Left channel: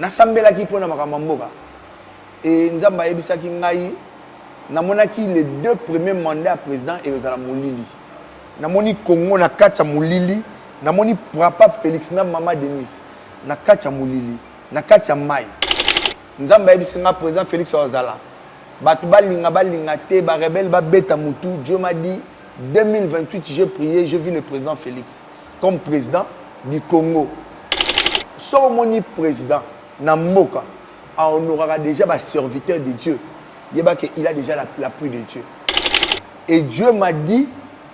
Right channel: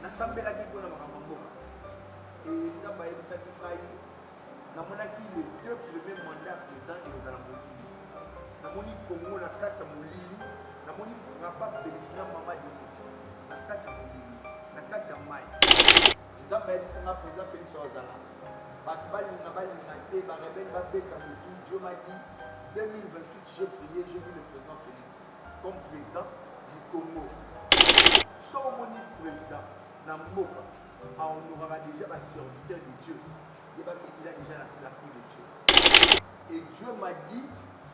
nasambelaki mpona makambo mboka et nzambe ayebisaki ngai namonaki les 2 premiers mandats à président et ozala molili namoni Congo na kati ya molili namoni papa Félix na mama Denise na kati ya molili na kati ya mai nzambe ayebisi nga président Félix ozala bato balinga te ba rebelle ba beta mutu. Dieu m'a dit 2028 j'ai prié, je vis le président Félix comme président du Congo. Son moni président Namboka on aura déjà un serviteur de Dieu. Il a déjà l'appui de Dieu. Et Dieu m'a dit,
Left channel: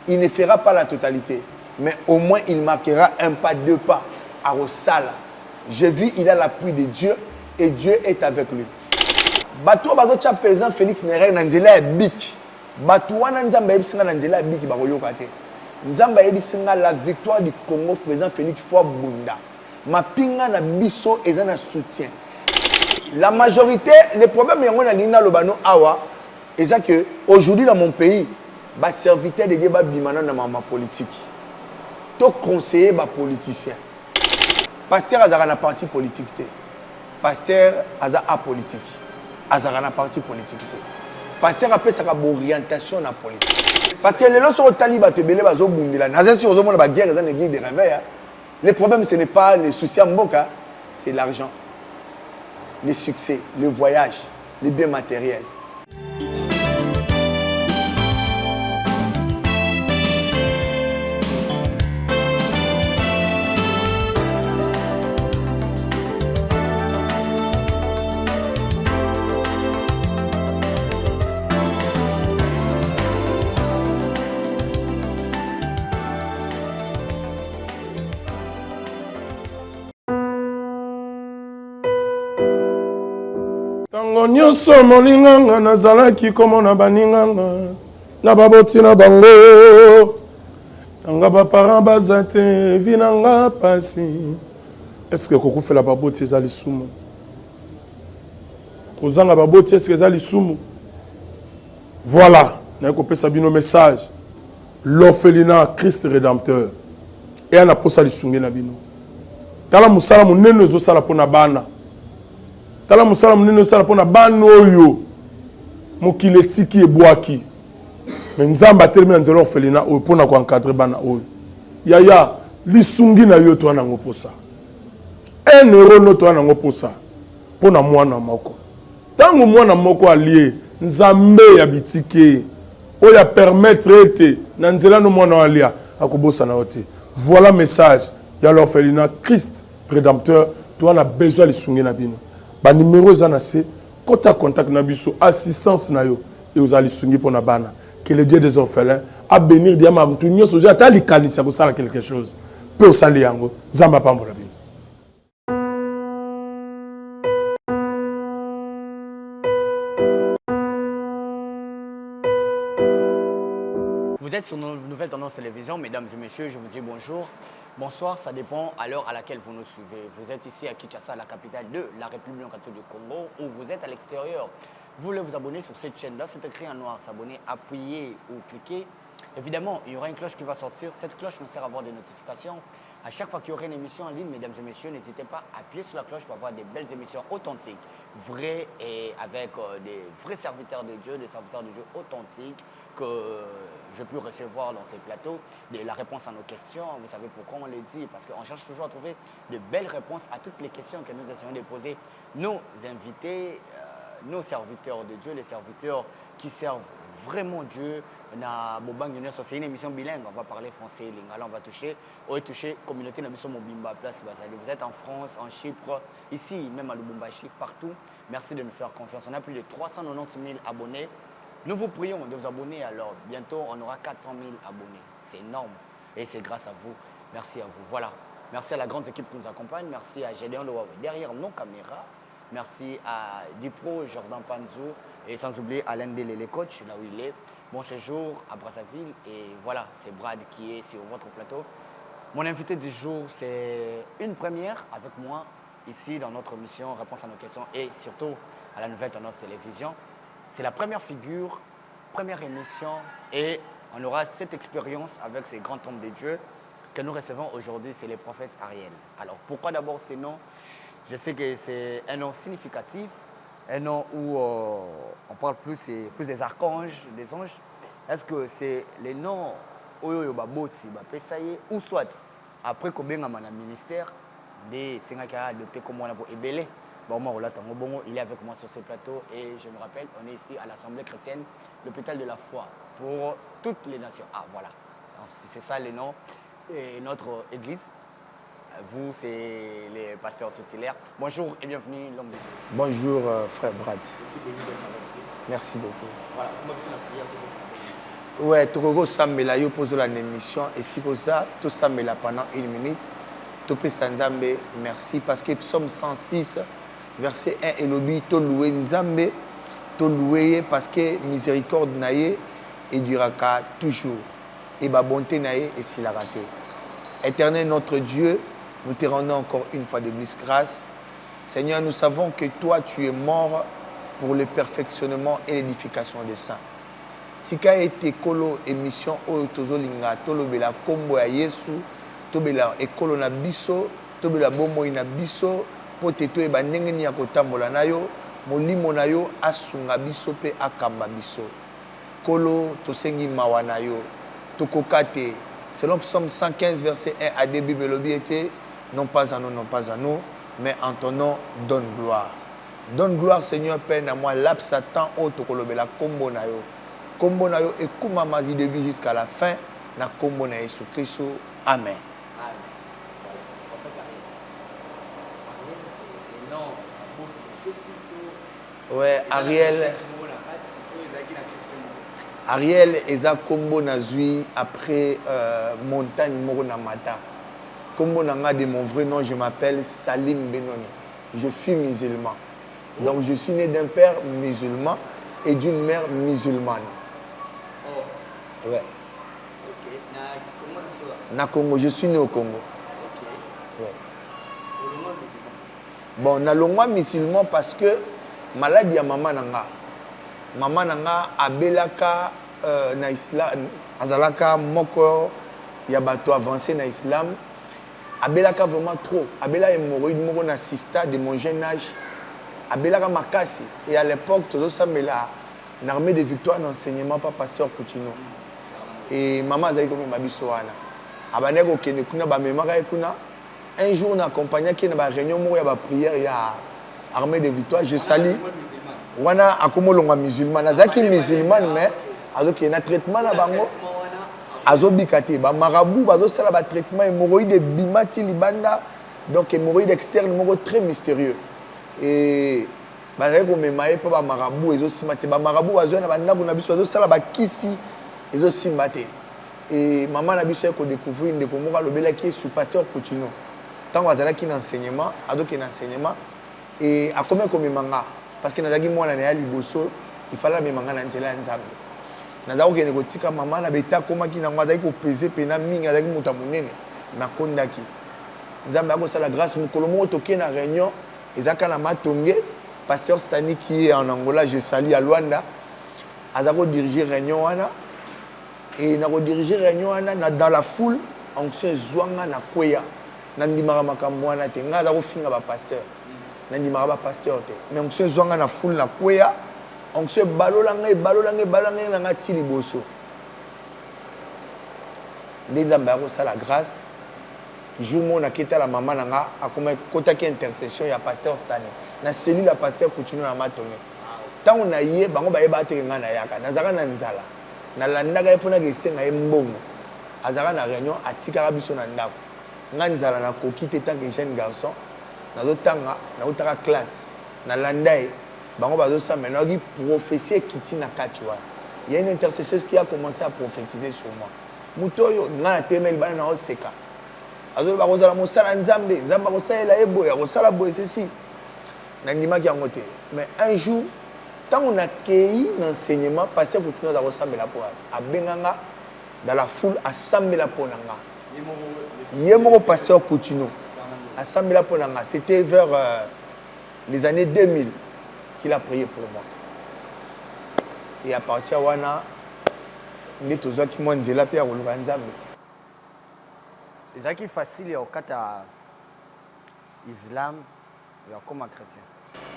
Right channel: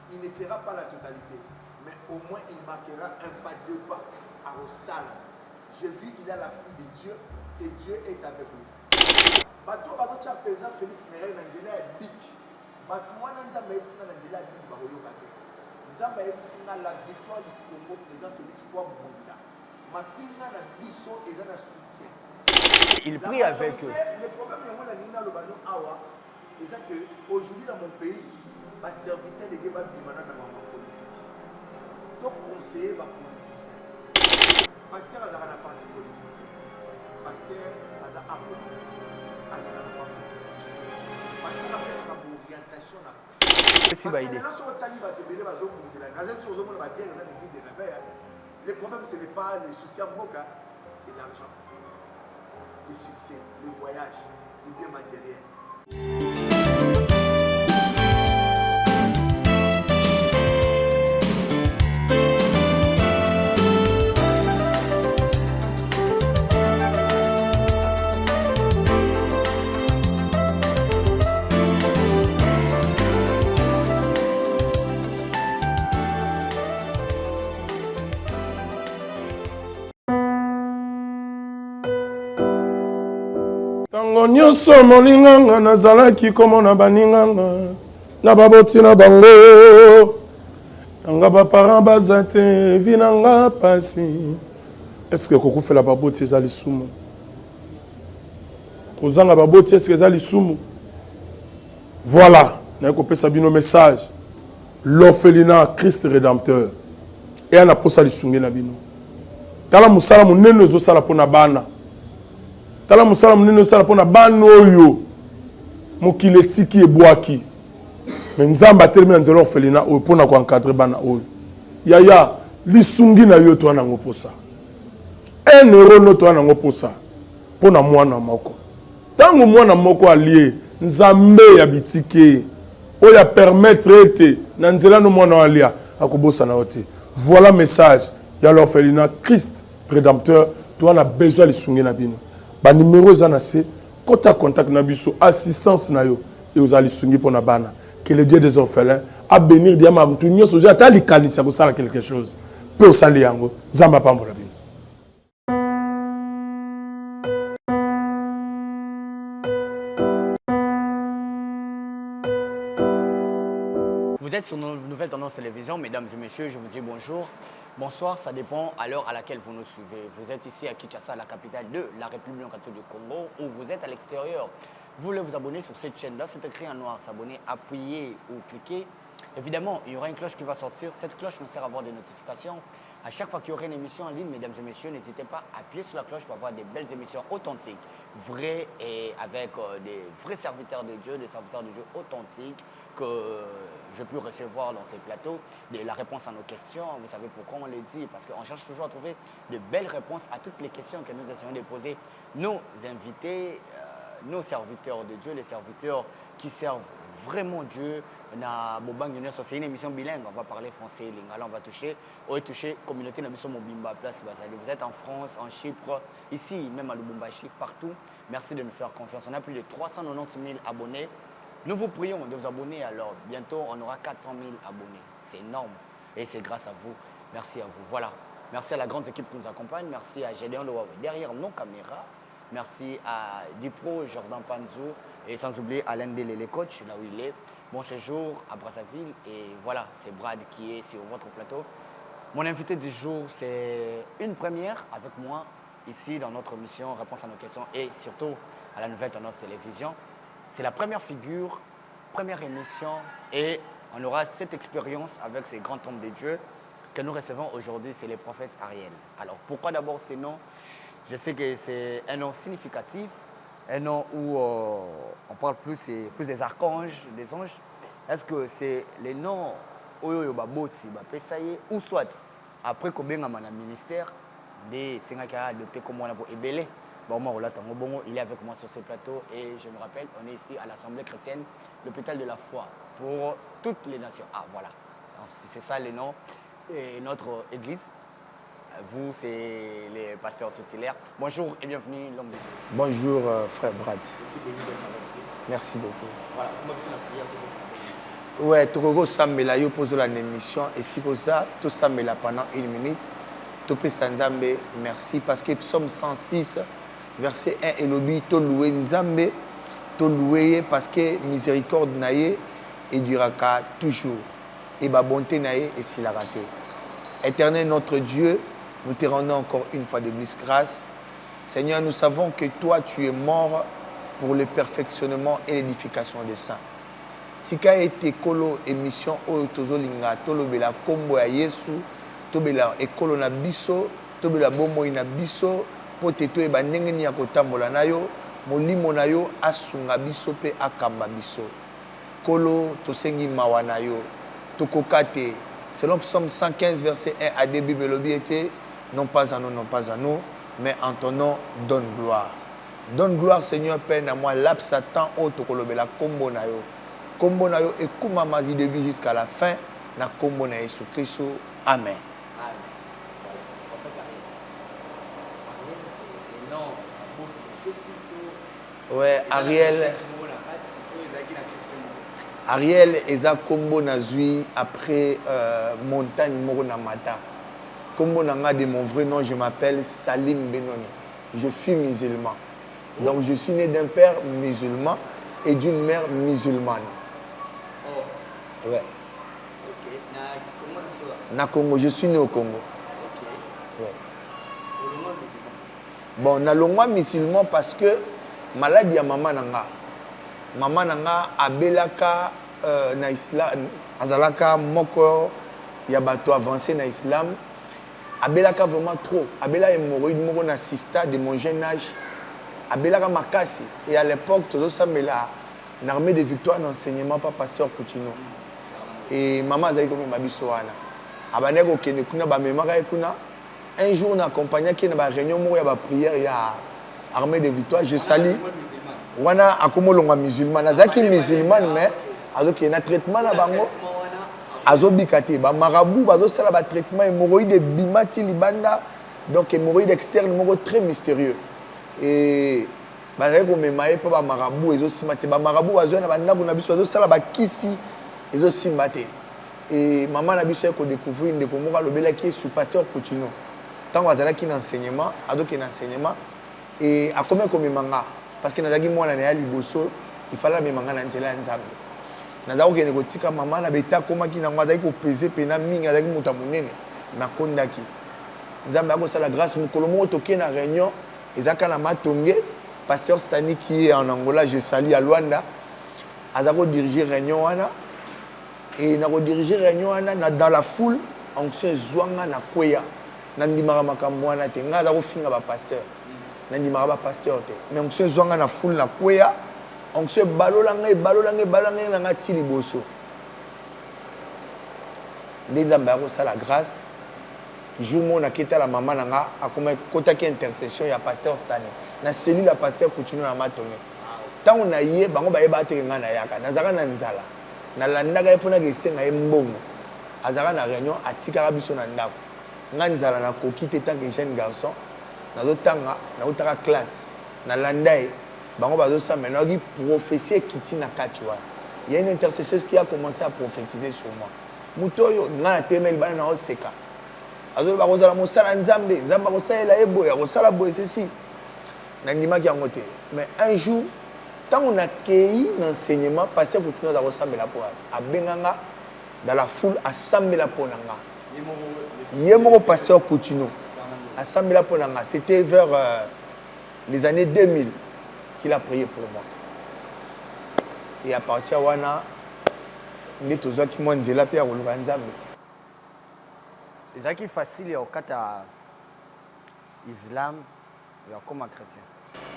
il ne fera pas la totalité, mais au moins il marquera un pas, 2 pas à Rosala. Je vis, il a l'appui de Dieu et Dieu est avec lui. Bato bazo tcha président Félix Nere nanzela bik. Bato wana nzamba yebisinga nanzela bik bakoyoka te. Nzamba yebisinga la victoire du Congo président Félix Fouabunda. Mapinga na biso ezana soutien. La majorité, les problèmes que nous avons awa, c'est que aujourd'hui dans mon pays, les serviteurs de Dieu dans ma politique. Tous conseillers les politiciens. Pasteur a un parti politique. Pasteur a un politique. A un parti politique. Pasteur a une orientation dans la politique. Parce que les gens sont talibans, le problème ce n'est pas les soucis à Mboka, c'est l'argent. Les succès, le voyage, les biens matériels. Tango nyonso molinganga nazalaki komona baninganga na baboti na bango nanga ba parents bazate vinanga pasi. Est-ce que kokufela baboti ezali sumu? Kozanga baboti est-ce que ezali sumu? Voilà, na kopesa bino message. L'orphelinat Christ rédempteur. Et ana posa lisungi na bino. Tala musala munene zo sala pona bana. Tala musala munene sala pona bana oyo mokile tiki ebwaki. Mais nzamba termina nzelo orphelina oyo pona ko encadrer bana oyo. Yaya lisungi na yo to na ngoposa. 1 euro no to na ngoposa pona mwana moko. Tango mwana moko allié nzambe ya bitike oya permettre ete na nzela no mwana alia akobosa na ote. Voilà message ya l'orphelinat Christ rédempteur to na besoin lisungi na bino. Ba numéro ezana se kota contact na biso assistance na yo et aux alisungi pour na bana que le Dieu des orphelins a bénir diama mtu nyoso ja tali kanisa ko sala quelque chose peut sali yango zamba pambola bino. Vous êtes sur nos nouvelles tendances télévision, mesdames et messieurs, je vous dis bonjour. Bonsoir, ça dépend à l'heure à laquelle vous nous suivez. Vous êtes ici à Kinshasa, la capitale de la République démocratique du Congo, ou vous êtes à l'extérieur. Vous voulez vous abonner sur cette chaîne-là, c'est écrit en noir, s'abonner, appuyer ou cliquer. Évidemment, il y aura une cloche qui va sortir. Cette cloche nous sert à avoir des notifications. À chaque fois qu'il y aura une émission en ligne, mesdames et messieurs, n'hésitez pas à appuyer sur la cloche pour avoir des belles émissions authentiques, vraies et avec des vrais serviteurs de Dieu, des serviteurs de Dieu authentiques que je peux recevoir dans ces plateaux, la réponse à nos questions. Vous savez pourquoi on les dit? Parce qu'on cherche toujours à trouver de belles réponses à toutes les questions que nous essayons de poser nos invités, nos serviteurs de Dieu, les serviteurs qui servent vraiment Dieu. C'est une émission bilingue, on va parler français, lingala, on va toucher communauté de la Mobimba Place Bazali. Vous êtes en France, en Chypre, ici, même à Lubumbashi, partout. Merci de nous faire confiance. On a plus de 390 000 abonnés. Nous vous prions de vous abonner, alors bientôt on aura 400 000 abonnés. C'est énorme et c'est grâce à vous. Merci à vous. Voilà. Merci à la grande équipe qui nous accompagne. Merci à Gédéon Loawe derrière nos caméras. Merci à Dipro, Jordan Panzou et sans oublier Alain Dele, le coach, là où il est. Bon séjour à Brazzaville et voilà, c'est Brad qui est sur votre plateau. Mon invité du jour, c'est une première avec moi ici dans notre mission Réponse à nos questions et surtout à la nouvelle tendance télévision. C'est la première figure, première émission et on aura cette expérience avec ces grands hommes de Dieu que nous recevons aujourd'hui, c'est les prophètes Ariel. Alors pourquoi d'abord ces noms? Je sais que c'est un nom significatif, un nom où on parle plus des archanges, des anges. Est-ce que c'est les noms Oyo Baboti, Bapesaye, ou soit après qu'on ait un ministère, des Singaka adopté comme on a pour Ebélé. Bon, il est avec moi sur ce plateau et je me rappelle, on est ici à l'Assemblée chrétienne, l'hôpital de la foi pour toutes les nations. Ah voilà, c'est ça les noms. Et notre église, vous, c'est les pasteurs tutélaires. Bonjour et bienvenue, l'homme de Dieu. Bonjour, frère Brad. Merci beaucoup d'être avec nous. Merci beaucoup. Voilà, comment tu la prière Ouais, Togogo Sambela, yo pose la émission et si pour ça, tout Sambela pendant 1 minute. Topé Sanzambe, merci parce que Psaume 106, verset 1 et lobby, to loué Nzambe, to loué parce que miséricorde naïe et durera toujours. Et ma bonté naïe et s'il a raté. Éternel notre Dieu, nous te rendons encore une fois de plus grâce. Seigneur, nous savons que toi, tu es mort pour le perfectionnement et l'édification des saints. Tika ete kolo émission oyo tozolinga tolobela kombo ya Yesu, tobela ekolo na biso, tobela bomoi na biso, po te toyeba ndenge nini ya kotambola na yo, molimo na yo asunga biso pe akamba biso. Kolo tosengi mawa na yo, tokoka te. Selon Psaume 115, verset 1 à 2, Bible lobi était, non pas à nous, non pas à nous, mais en ton nom, donne gloire. Donne gloire, Seigneur, Père, à moi, l'ab Satan, o tokolobela kombo na yo. Kombo na yo ekuma mazi début jusqu'à la fin, na kombo na Yesu Christ. Amen. Ouais, Ariel eza kombo na zui après montagne moko na mata. Kombo na nga de mon vrai nom, je m'appelle Salim Benoni. Je suis musulman. Donc je suis né d'un père musulman et d'une mère musulmane. Oh. Ouais. Ok. Na Congo, je suis né au Congo. Ok. Ouais. Bon, na longwa musulman parce que maladie ya maman nanga. Maman nanga abelaka na islam, azalaka moko ya bato avancé na islam. Abelaka vraiment trop. Abela hémorroïde moko na sista de mon jeune âge. Abelaka makasi. Et à l'époque, tozo samela na armée de victoire d'enseignement par pasteur Coutinho. Et maman azali comme mabiso wana. Abane ko kene kuna ba memaka kuna. Un jour na accompagné qui na ba réunion moko ya ba prière ya armée de victoire, je salue. Wana akomolonga musulman. Azaki musulman mais azoki na traitement na bango. Azobikate ba marabout bazo sala ba traitement hémorroïde bimati libanda. Donc hémorroïde externe moko très mystérieux. Et bazali ko memaye pa ba marabout ezosimate ba marabout bazo na banda kuna biso bazo sala ba kisi ezosimate. Et maman na biso ko découvrir ndeko moko alobelaki sous pasteur Coutinho. Tant azalaki na enseignement, adoki na enseignement et a combien comme manga parce que nazaki mwana na liboso il fallait memanga na nzela ya Nzambe. Nazaki ko kotika maman na beta komaki na ngazaki ko peser pena mingi azaki muta munene na kondaki. Nzambe akosala grâce mukolo moko toke na réunion ezaka na matonge pasteur Stani qui est en Angola, je salue à Luanda. Azako diriger réunion wana et na ko diriger réunion wana dans la foule onction zwanga na kweya. Nandimaka makambo wana te nga azako finga ba pasteur. Nandimaka ba pasteur te. Mais onction zwanga na foule na kweya. Onction balolanga na nga ti liboso. Nzambe akosala grâce. Jour na keta la maman nanga akoma kotaki intercession ya pasteur Stani. Na cellule la pasteur Coutinho na matonge. Tango na ye bango ba yeba te nga na yaka. Nazaka na nzala. Na landaka epona ke senga mbongo. Azaka na réunion atikaka biso na ndako. Nga nzala na koki te tant que jeune garçon. Nazotanga na utaka classe. Na landai bango bazo sa maintenant qui prophétie kiti na kachwa. Il y a une intercesseuse qui a commencé à prophétiser sur moi. Mutoyo nga na temel bana na oseka. Azo ba kozala mosala Nzambe, Nzamba kosala ebo ya kosala boye ceci. Nandimaki yango te. Mais un jour tant on a cueilli l'enseignement pasteur Coutinho za kosamba la pour abenganga dans la foule assemblée la pour nanga. Yemoko pasteur Coutinho assemblée la pour nanga. C'était vers les années 2000 qu'il a prié pour moi. Et à partir de là, nous avons dit que Nzela pe ya koluka Nzambe. Ezaki facile au kata Islam Comme un chrétien.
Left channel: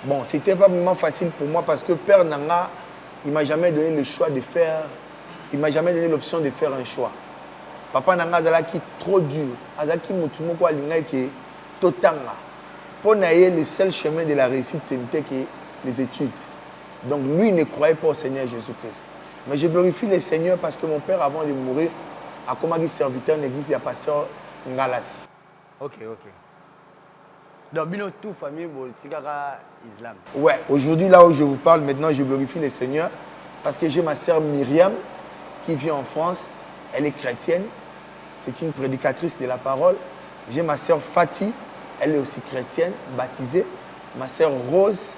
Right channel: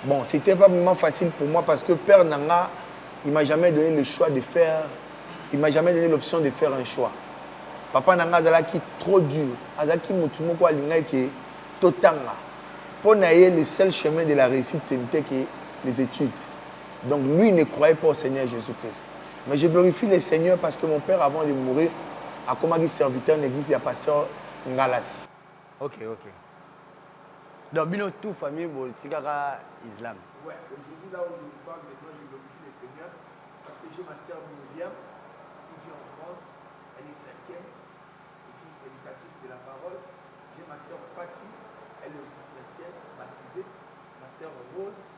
Bon, c'était pas vraiment facile pour moi parce que Père Nanga, il m'a jamais donné le choix de faire, il m'a jamais donné l'option de faire un choix. Papa Nanga Zalaki trop dur, Azaki Mutumoko Alinga qui totanga. Pour naïe, le seul chemin de la réussite, c'était que les études. Donc lui, il ne croyait pas au Seigneur Jésus-Christ. Mais je glorifie le Seigneur parce que mon père, avant de mourir, a commencé serviteur de l'église, il y a pasteur Ngalas. Ok. Donc, bino tout famille, Tigara Islam. Ouais, aujourd'hui, là où je vous parle, maintenant, je glorifie le Seigneur parce que j'ai ma sœur Myriam qui vit en France. Elle est chrétienne. C'est une prédicatrice de la parole. J'ai ma sœur Fatih. Elle est aussi chrétienne, baptisée. Ma sœur Rose,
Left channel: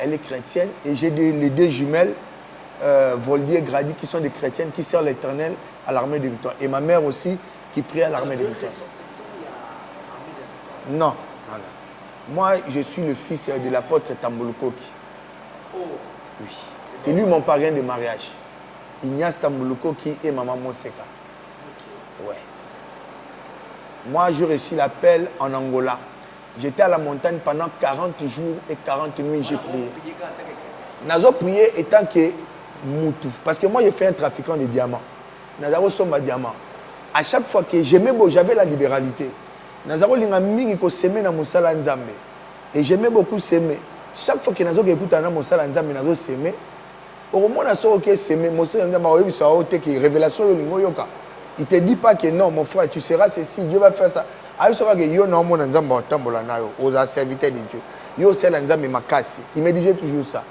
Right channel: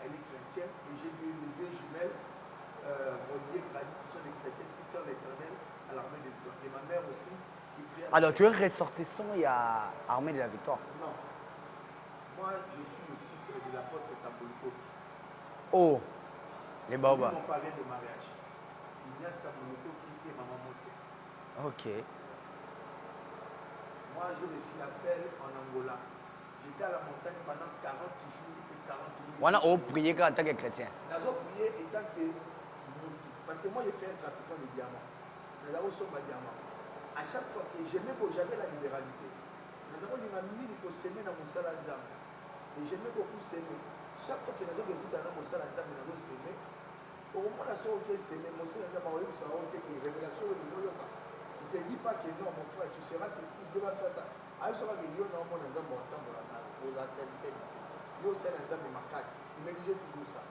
elle est chrétienne. Et j'ai les deux jumelles, Voldier et Grady, qui sont des chrétiennes, qui servent l'Éternel à l'armée de Victoire. Et ma mère aussi, qui prie à l'armée de Victoire. Alors, tu es ressortissant, il y a l'armée de la Victoire? Non. Voilà. Moi, je suis le fils de l'apôtre Tambulukoki. Oh. Oui. C'est lui mon parrain de mariage. Ignace Tambulukoki et maman Moseka. Ok. Ouais. Moi, j'ai reçu l'appel en Angola. J'étais à la montagne pendant 40 jours et 40 nuits. J'ai prié. En tant que chrétien. Nazo prié étant que Moutou. Parce que moi, je fais un trafiquant de diamants. Nazaro somba diamants. À chaque fois que j'avais la libéralité. Nazaro linga mingi ko semer na musala nzambe. Et j'aimais beaucoup semer. Chaque fois que nazo écoute na musala nzambe nazo semer. Au moment na so que semer musala nzambe oyebi sa ote que révélation yo lingo yoka. Il te dit pas que non mon frère tu seras ceci, Dieu va faire ça. Ayo sera que yo na mona nzambe otambola na yo aux serviteurs de Dieu. Yo c'est la nzambe makasi. Il me disait toujours ça.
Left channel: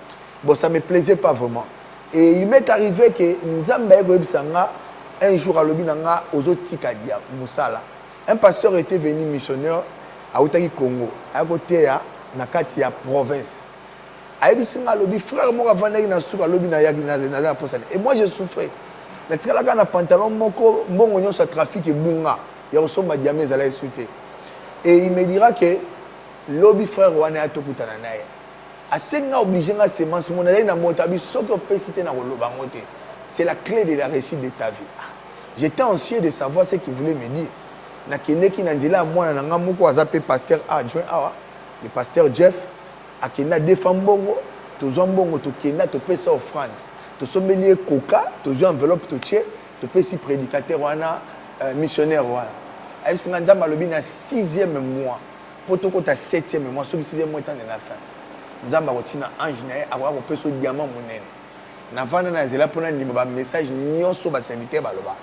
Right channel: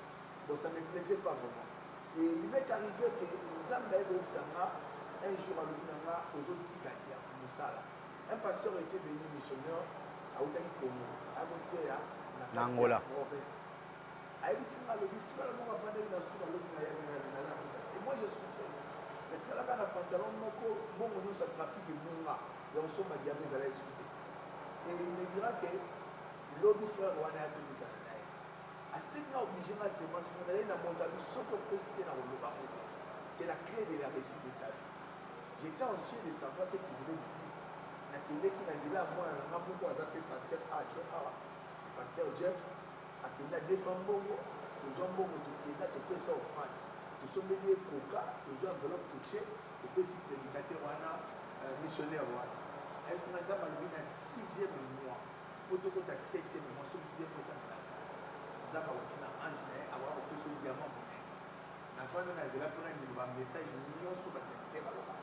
Bon ça me plaisait pas vraiment. Et il m'est arrivé que nzambe oyebi sanga un jour à l'obinanga ozotika dia musala. Un pasteur était venu missionnaire à Outaki Congo, à côté na kati ya province. Ayebi singa lobi frère mo avandaki na suka lobi na yaki na posane. Et moi je souffrais. Na tikala ka na pantalon moko mbongo nyonso trafic et bunga ya osomba diamé zala esute. Et il me dira que lobi frère wana atokutana naye. Asenga obligé nga semence mon aller na motabi soko pesité na koloba ngote. C'est la clé de la réussite de ta vie. J'étais anxieux de savoir ce qu'il voulait me dire. Nakendeki nandila mwana nanga moko azape pasteur adjoint awa le pasteur Jeff akenda defambongo tozombongo tokenda topesa offrande tosombeli coca tozo enveloppe totie topesi prédicateur wana missionnaire wana ayisinga nzamba lobi na 6e mois potoko ta 7e mois soki 6e mois temps de la fin nzamba kotina ange na abwa kopesa diamant monene na vanda na zela pona ndima ba message nyonso ba serviteur baloba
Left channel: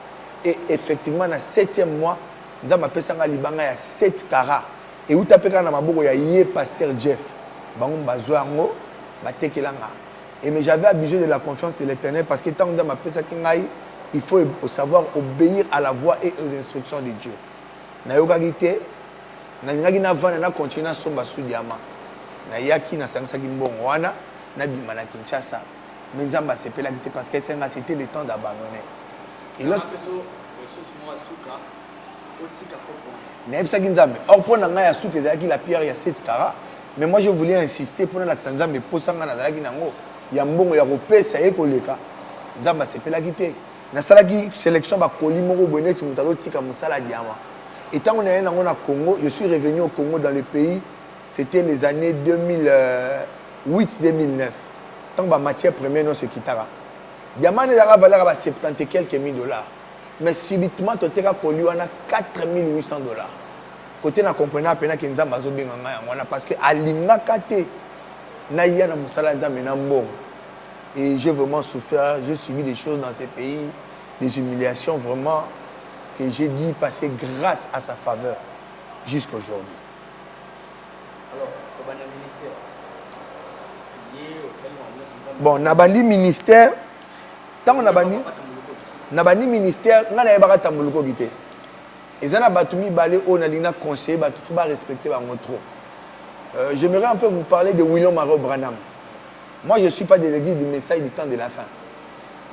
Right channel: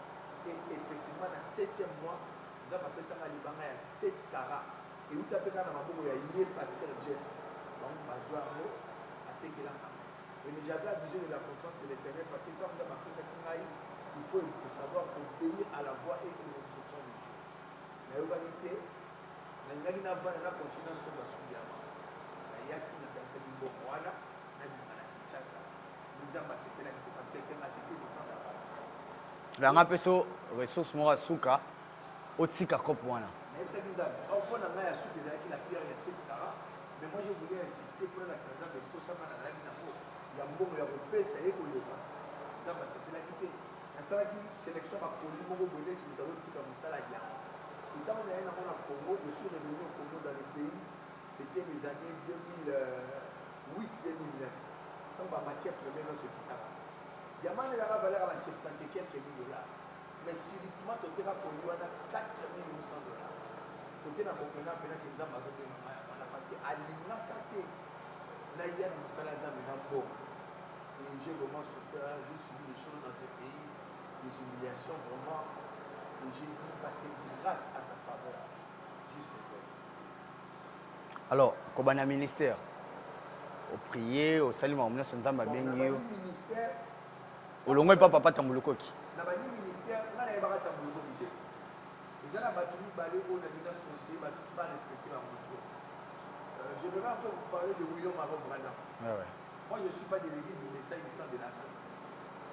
et effectivement na 7e mois nzamba apesanga libanga ya 7 carats et utapeka na maboko ya ye pasteur Jeff bango bazwa yango batekelanga et mais j'avais abusé de la confiance de l'Éternel parce que tant nzamba apesaki ngai il faut savoir obéir à la voix et aux instructions de Dieu na yokaki te na lingaki na vana na continuer somba sous diamant na yaki na sangsaki mbongo wana na bima na Kinshasa mais nzamba sepelaki te parce que c'était le temps d'abandonner et là peso ressource mo asuka otika kopwana nayebisaki nzambe or mpo na ngai ya suki ezalaki la pierre ya 7 carats mais moi je voulais insister mpona lakisa nzambe posanga nazalaki nango ya mbongo ya kopesa ye koleka nzambe asepelaki te nasalaki sélection bakoli moko boye neti moto azotika mosala diamant et ntango naye nango na Congo je suis revenu au Congo dans le pays c'était les années 2008-2009 ntango bamatière première nyonso ekitaka diamant ezalaka valeur ya ba 70 et quelques mille dollars. Mais subitement, tu as connu 4 800 dollars. Côté na comprenant pena que nzamba zo benga ngaya parce que alinga kate na ya na musala nzamba na mbongo. Et j'ai vraiment souffert, j'ai subi des choses dans ces pays, des humiliations vraiment que j'ai dû passer grâce à sa faveur jusqu'à aujourd'hui. Alors, comment un ministère prier au salut nzamba. Bon, na bandi ministère tant na bandi na bandi ministère ngana yebaka tambuluko gité ezana batumi balé o na lina conseiller batu faut ba respecter bango trop. J'aimerais un peu vous parler de William Maro Branham. Moi je suis pas de l'église du message du temps de la fin.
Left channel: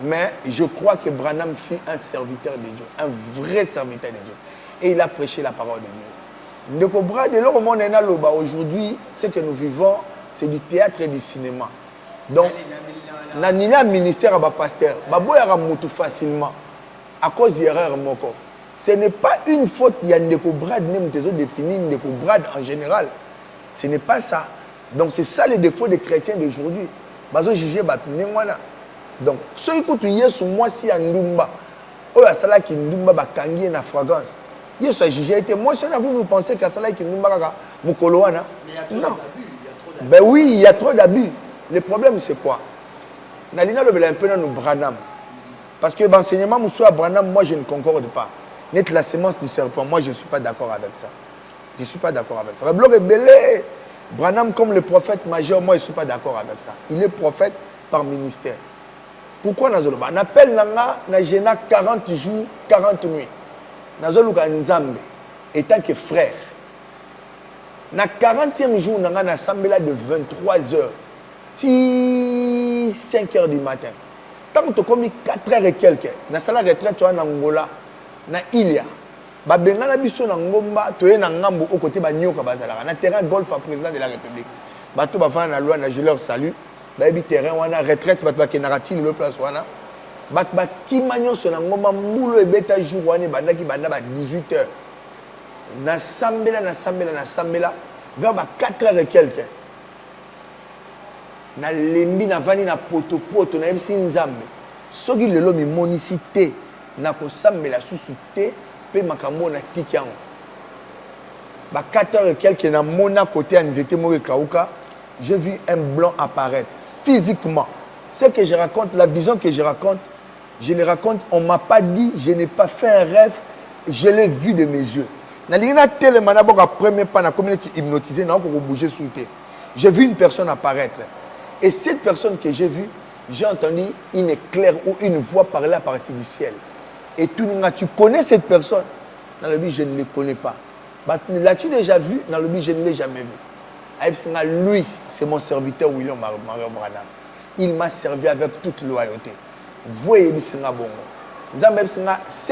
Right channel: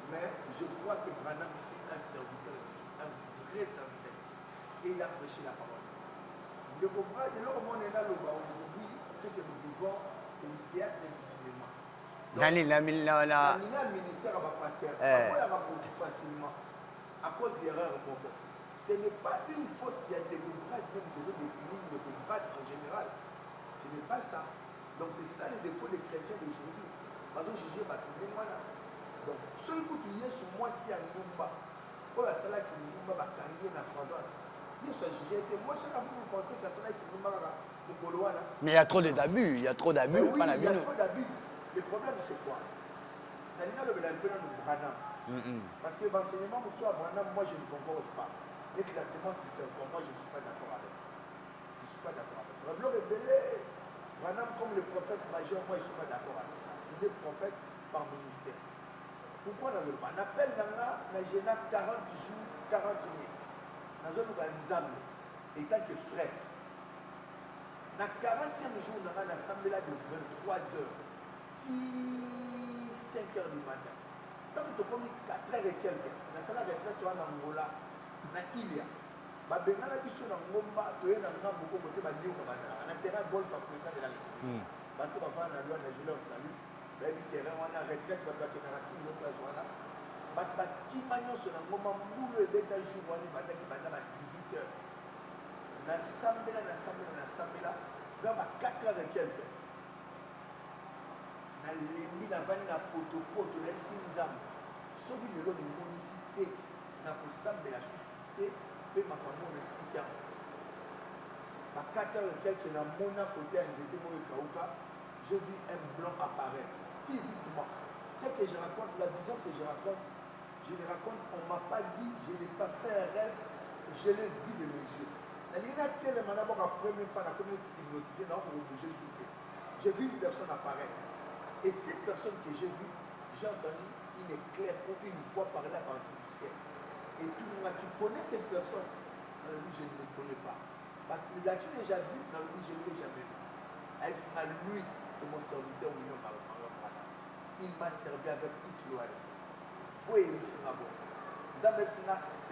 Mais je crois que Branham fut un serviteur de Dieu, un vrai serviteur de Dieu et il a prêché la parole de Dieu. Ndeko bra de l'homme on est là aujourd'hui, ce que nous vivons, c'est du théâtre et du cinéma. Donc, na ministère à pasteur, baboya mutu facilement à cause d'erreur moko. Ce n'est pas une faute, il y a ndeko brad nem tezo défini ndeko brad en général. Ce n'est pas ça. Donc c'est ça le défaut des chrétiens d'aujourd'hui. Bazo juger batu nengwana. Donc ceux qui écoutent Yesu moi si à Ndumba. Oh ya sala ki Ndumba bakangi na fragrance. Yesu a jugé été moi si vous pensez que sala ki Ndumba kaka mukolo wana. Mais il y a trop d'abus, il y a trop d'abus. Ben oui, il y a trop d'abus. Le problème c'est quoi? Nalina le bela un peu dans nous Branham. Parce que l'enseignement Moussa Branham, moi je ne concorde pas. Net la sémence du serpent, moi je ne suis pas d'accord avec ça. Je ne suis pas d'accord avec ça. Reblo rebelle, Branham comme le prophète majeur, moi je ne suis pas d'accord avec ça. Il est prophète par ministère. Pourquoi Nazoloba? On appelle Nanga, Najena 40 jours, 40 nuits. Nazoluka Nzambe, étant que frère. Na 40e jour, Nanga Nassambe là de 23h, 5h du matin. Tant que tu as commis 4h et quelques, na sala retraite tu as en Angola, na Ilia. Ba benga na biso na ngomba, tu es na ngambo au côté ba nyoka bazala. Na terrain golf à président de la République. Ba to ba fana na loi na je leur salue. Ba bi terrain wana retraite ba to ke narati le place wana. Ba ki manyo so na ngomba mbulo e beta jour wana bandaki banda ba 18h. Na sambela vers ba 4h et quelques. Na lembi na vani na poto na yebisi nzambe soki lelo mimonisi te na kosambela susu te pe makambo na tiki yango ba 4h et quelques na mona côté ya nzete moko ekauka j'ai vu un blanc apparaître physiquement. Ce que je raconte, la vision que je le raconte, on m'a pas dit, je n'ai pas fait un rêve, je l'ai vu de mes yeux. Na lingina tellement na boka premier pas na communauté hypnotisé na ko bouger sous terre. J'ai vu une personne apparaître. Et cette personne que j'ai vue, j'ai entendu une éclair ou une voix parler à partir du ciel. Et tu connais cette personne? Dans le but, je ne le connais pas. L'as-tu déjà vu? Dans le but, je ne l'ai jamais vu. Lui, c'est mon serviteur William Mario Branham. Il m'a servi avec toute loyauté. Voyez, ce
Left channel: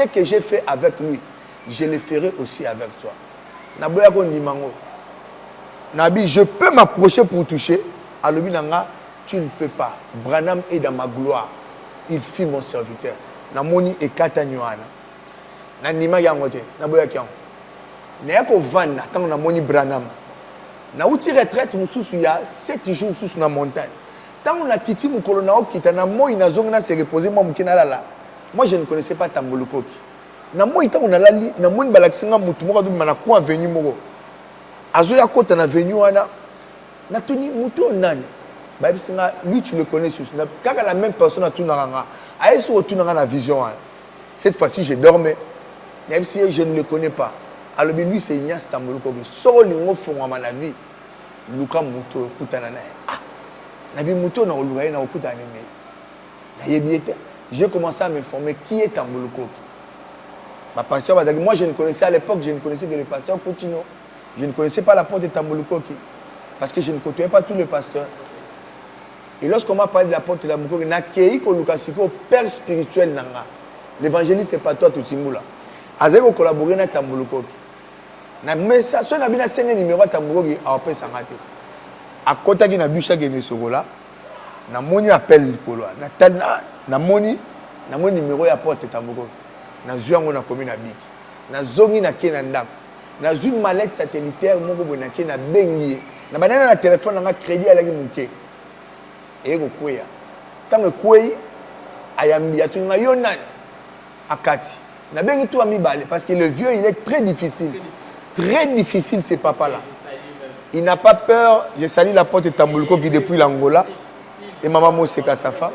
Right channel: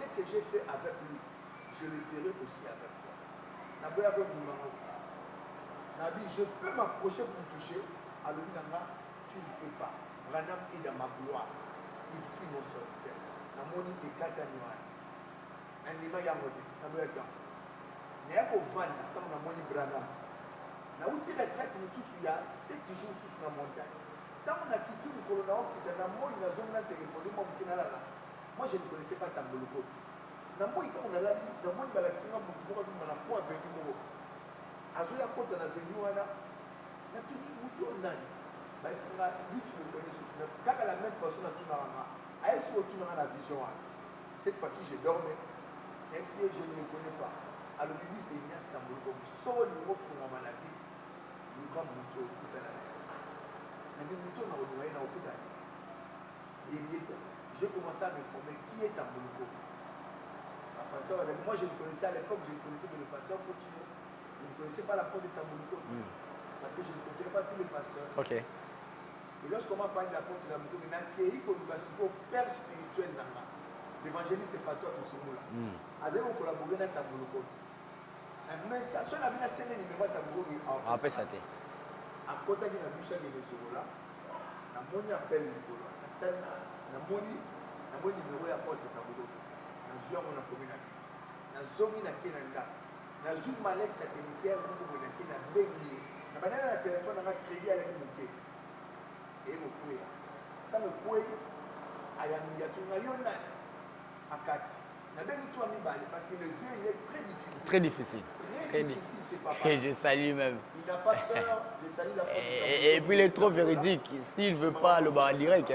que j'ai fait avec lui, je le ferai aussi avec toi. Je peux m'approcher pour toucher. Alobinanga, tu ne peux pas. Branham est dans ma gloire. Il fut mon serviteur. Namoni et Katanyuana. Nanima yangote. Naboya kiang. Nayako vana, tant namoni Branham. Na outi retraite, mususu ya 7 jours mususu na montagne. Tant on a quitté mon colonel, qui na moi inazongna se reposer moi mukina là. Moi je ne connaissais pas Tambolukoki. Na moi tant on a lali, na moni balaksinga mutu moko dum na ko avenue moko. Azoya kota na avenue wana. Natoni mutu nani lui tu le connais sous car la même personne a tout naranga a eso tout na vision cette fois-ci je dormais même si je ne le connais pas alors lui c'est Ignace Tamboluko so lingo fongwa na vie luka mutu kutana na ah na bi mutu na oluwa na okutana na yebiete j'ai commencé à m'informer qui est Tamboluko. Ma pasteur m'a dit moi je ne connaissais à l'époque je ne connaissais que le pasteur Coutinho, je ne connaissais pas la porte de Tamboluko. Parce que je ne côtoyais pas tous les pasteurs. Okay. Et lorsqu'on m'a parlé de la porte de la Mouko, il y a un père spirituel. L'évangéliste, ce n'est pas toi, tout le monde. Il a collaboré avec Tamboluko. Mais ça, si on a bien un numéro de Tamboluko, il a fait ça. À côté de la bûche, il y a un appel. Il y a un numéro de la porte de Tamboluko. Il y a un commune à Bik. Il y a un une mallette satellitaire. Il y a un na banana na téléphone na crédit ala ki muke ego kweya tango kwei ayambi atunga yonan akati na bengi tout ami balé parce que le vieux il est très difficile très difficile ce papa là il n'a pas peur. Je salue la porte de Tamboluko qui depuis l'Angola et maman Moseka Safa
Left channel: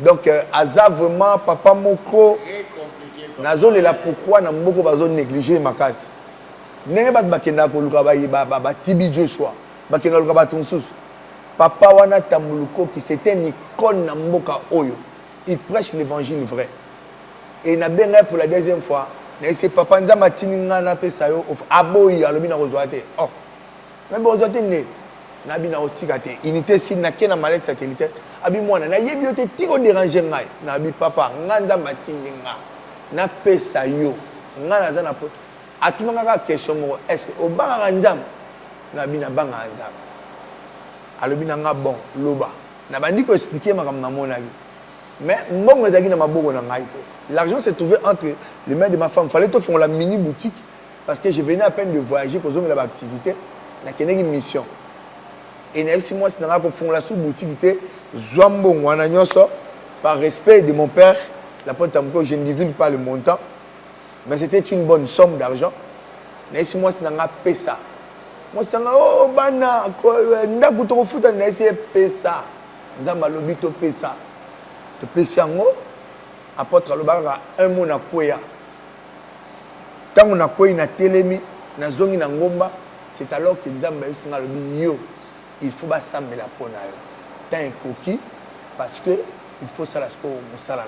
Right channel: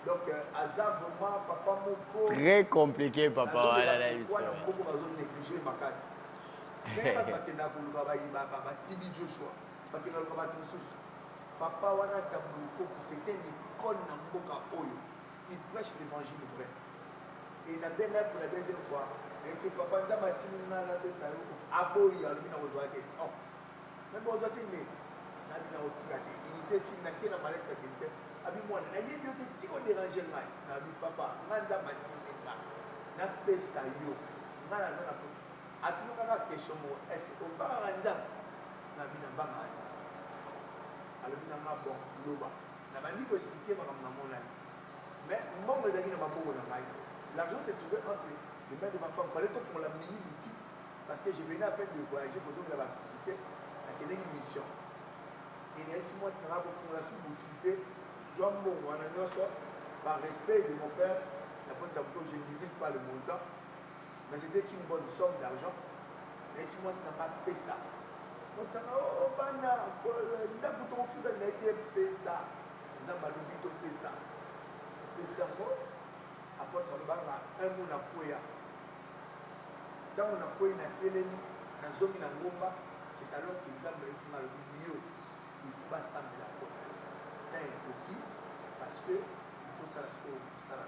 donc aza vraiment papa moko très compliqué papa nazo le la pourquoi na mboko bazo négliger makasi nenge bat bakenda ko luka ba Tibi Joshua. Papa wana Tamboluko qui c'était une icône na mboka oyo. Il prêche l'évangile vrai. Et na benga pour la deuxième fois, na ese papa nzama tininga na pesa yo aboyi alobi na kozwate. Oh. Mais bon kozwate ne na bina otikate. Unité si na kena mallette satellitaire. Abi mwana na yebi yote tiko déranger ngai. Na bi papa nganza matininga. Na pesa yo. Ngana za na poto. Atumanga question mo est-ce que obanga nzama na bina banga nzaba alobina nga bon loba na bandi ko expliquer makam na mona vie mais mbongo ezaki na maboko na ngai te. L'argent s'est trouvé entre les mains de ma femme. Fallait te faire la mini boutique parce que je venais à peine de voyager pour la activité na keneki mission Et si moi, c'est dans la sous-boutique, par respect de mon père, la porte tambour, je ne divulgue pas le montant, mais c'était une bonne somme d'argent. Mais si moi, c'est dans la pesa. Moi, c'est dans oh, bana, ndaku to futa na ese pesa. Nzamba lobito pesa. To pesa ngo, apôtre lobaka un mot na koya. Tant on a koya na telemi, na zongi na ngomba, c'est alors que Nzamba yebsinga lobi yo. Il faut pas s'amener la peau. Tant un coquille, parce que il faut ça la score au Moussala.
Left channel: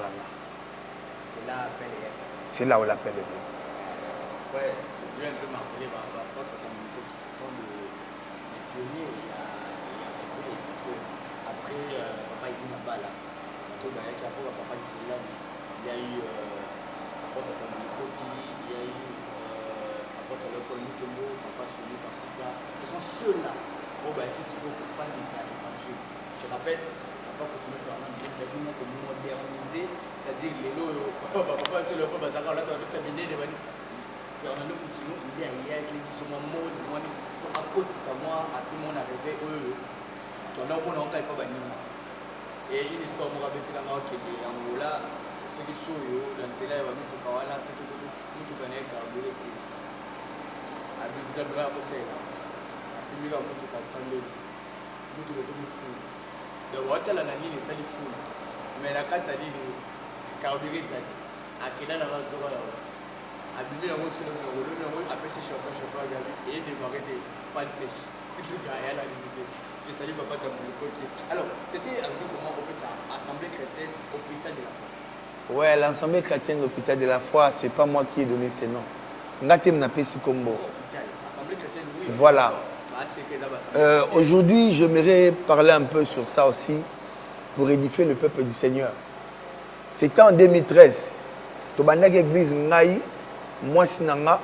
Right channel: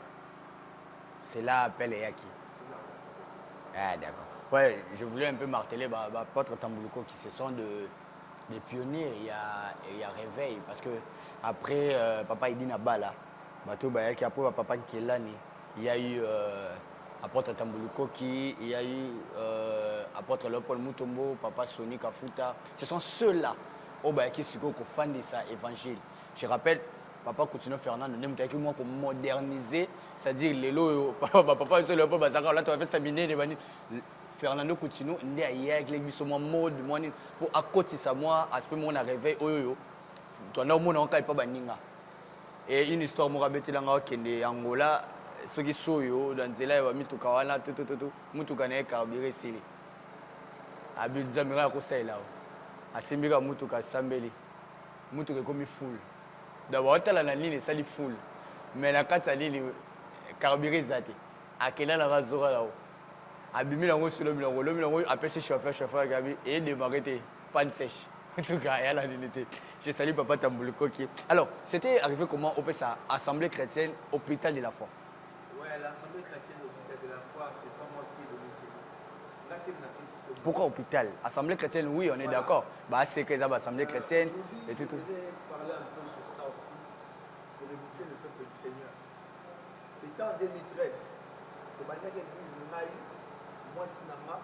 C'est là l'appel et être. C'est là où l'appel est. Ouais, je voulais un peu marteler Apôtre Tambouliko qui se sont les pionniers et il y a réveil. Parce que après Papa Idina Bala, après Papa Kelani, il y a eu Apôtre Tambouliko qui, il y a eu Apôtre Leopold Mutombo, Papa Soni Kafuta. Ce sont ceux-là qui sont fans de ça évangile. Je rappelle, Papa Coutinho Fernand, même qui moi pour moderniser, c'est-à-dire les lots, Papa c'est le bon bazar, là tu vas faire terminer les bannis. Fernando Coutinho, il est avec les missions mode, pour à côté de ça, moi, à ce moment on a réveillé, tu as un monde encore pas banina. Et une histoire, moi, avec la marque de Angola, ceux qui sont dans les élèves, tout kawana, tout kané carburé ici. Abid Zamra pour ça là. Asimbira mutuka sambeli mutuka comme fou d'abord tala na nini sali fou mais la kata nini carburé zate akela na bazora là abimi na ngo sur le milo après ce chauffeur gabi et démarrer panne sèche en tout cas elle a limité. Je salue Papa Tambouliko qui alors c'était arrivé comment on fait ça assemblée chrétienne hôpital de la foi. Ouais, l'assemblée chrétienne hôpital de la foi, c'est pas moi qui ai donné ces noms. Pourquoi hôpital? Assemblée chrétienne, oui, on voilà. est d'accord. Aujourd'hui, j'aimerais parler un peu sur ça aussi pour édifier le peuple du Seigneur. C'était en 2013. Tobanak église Ngaï, moi Sinanga,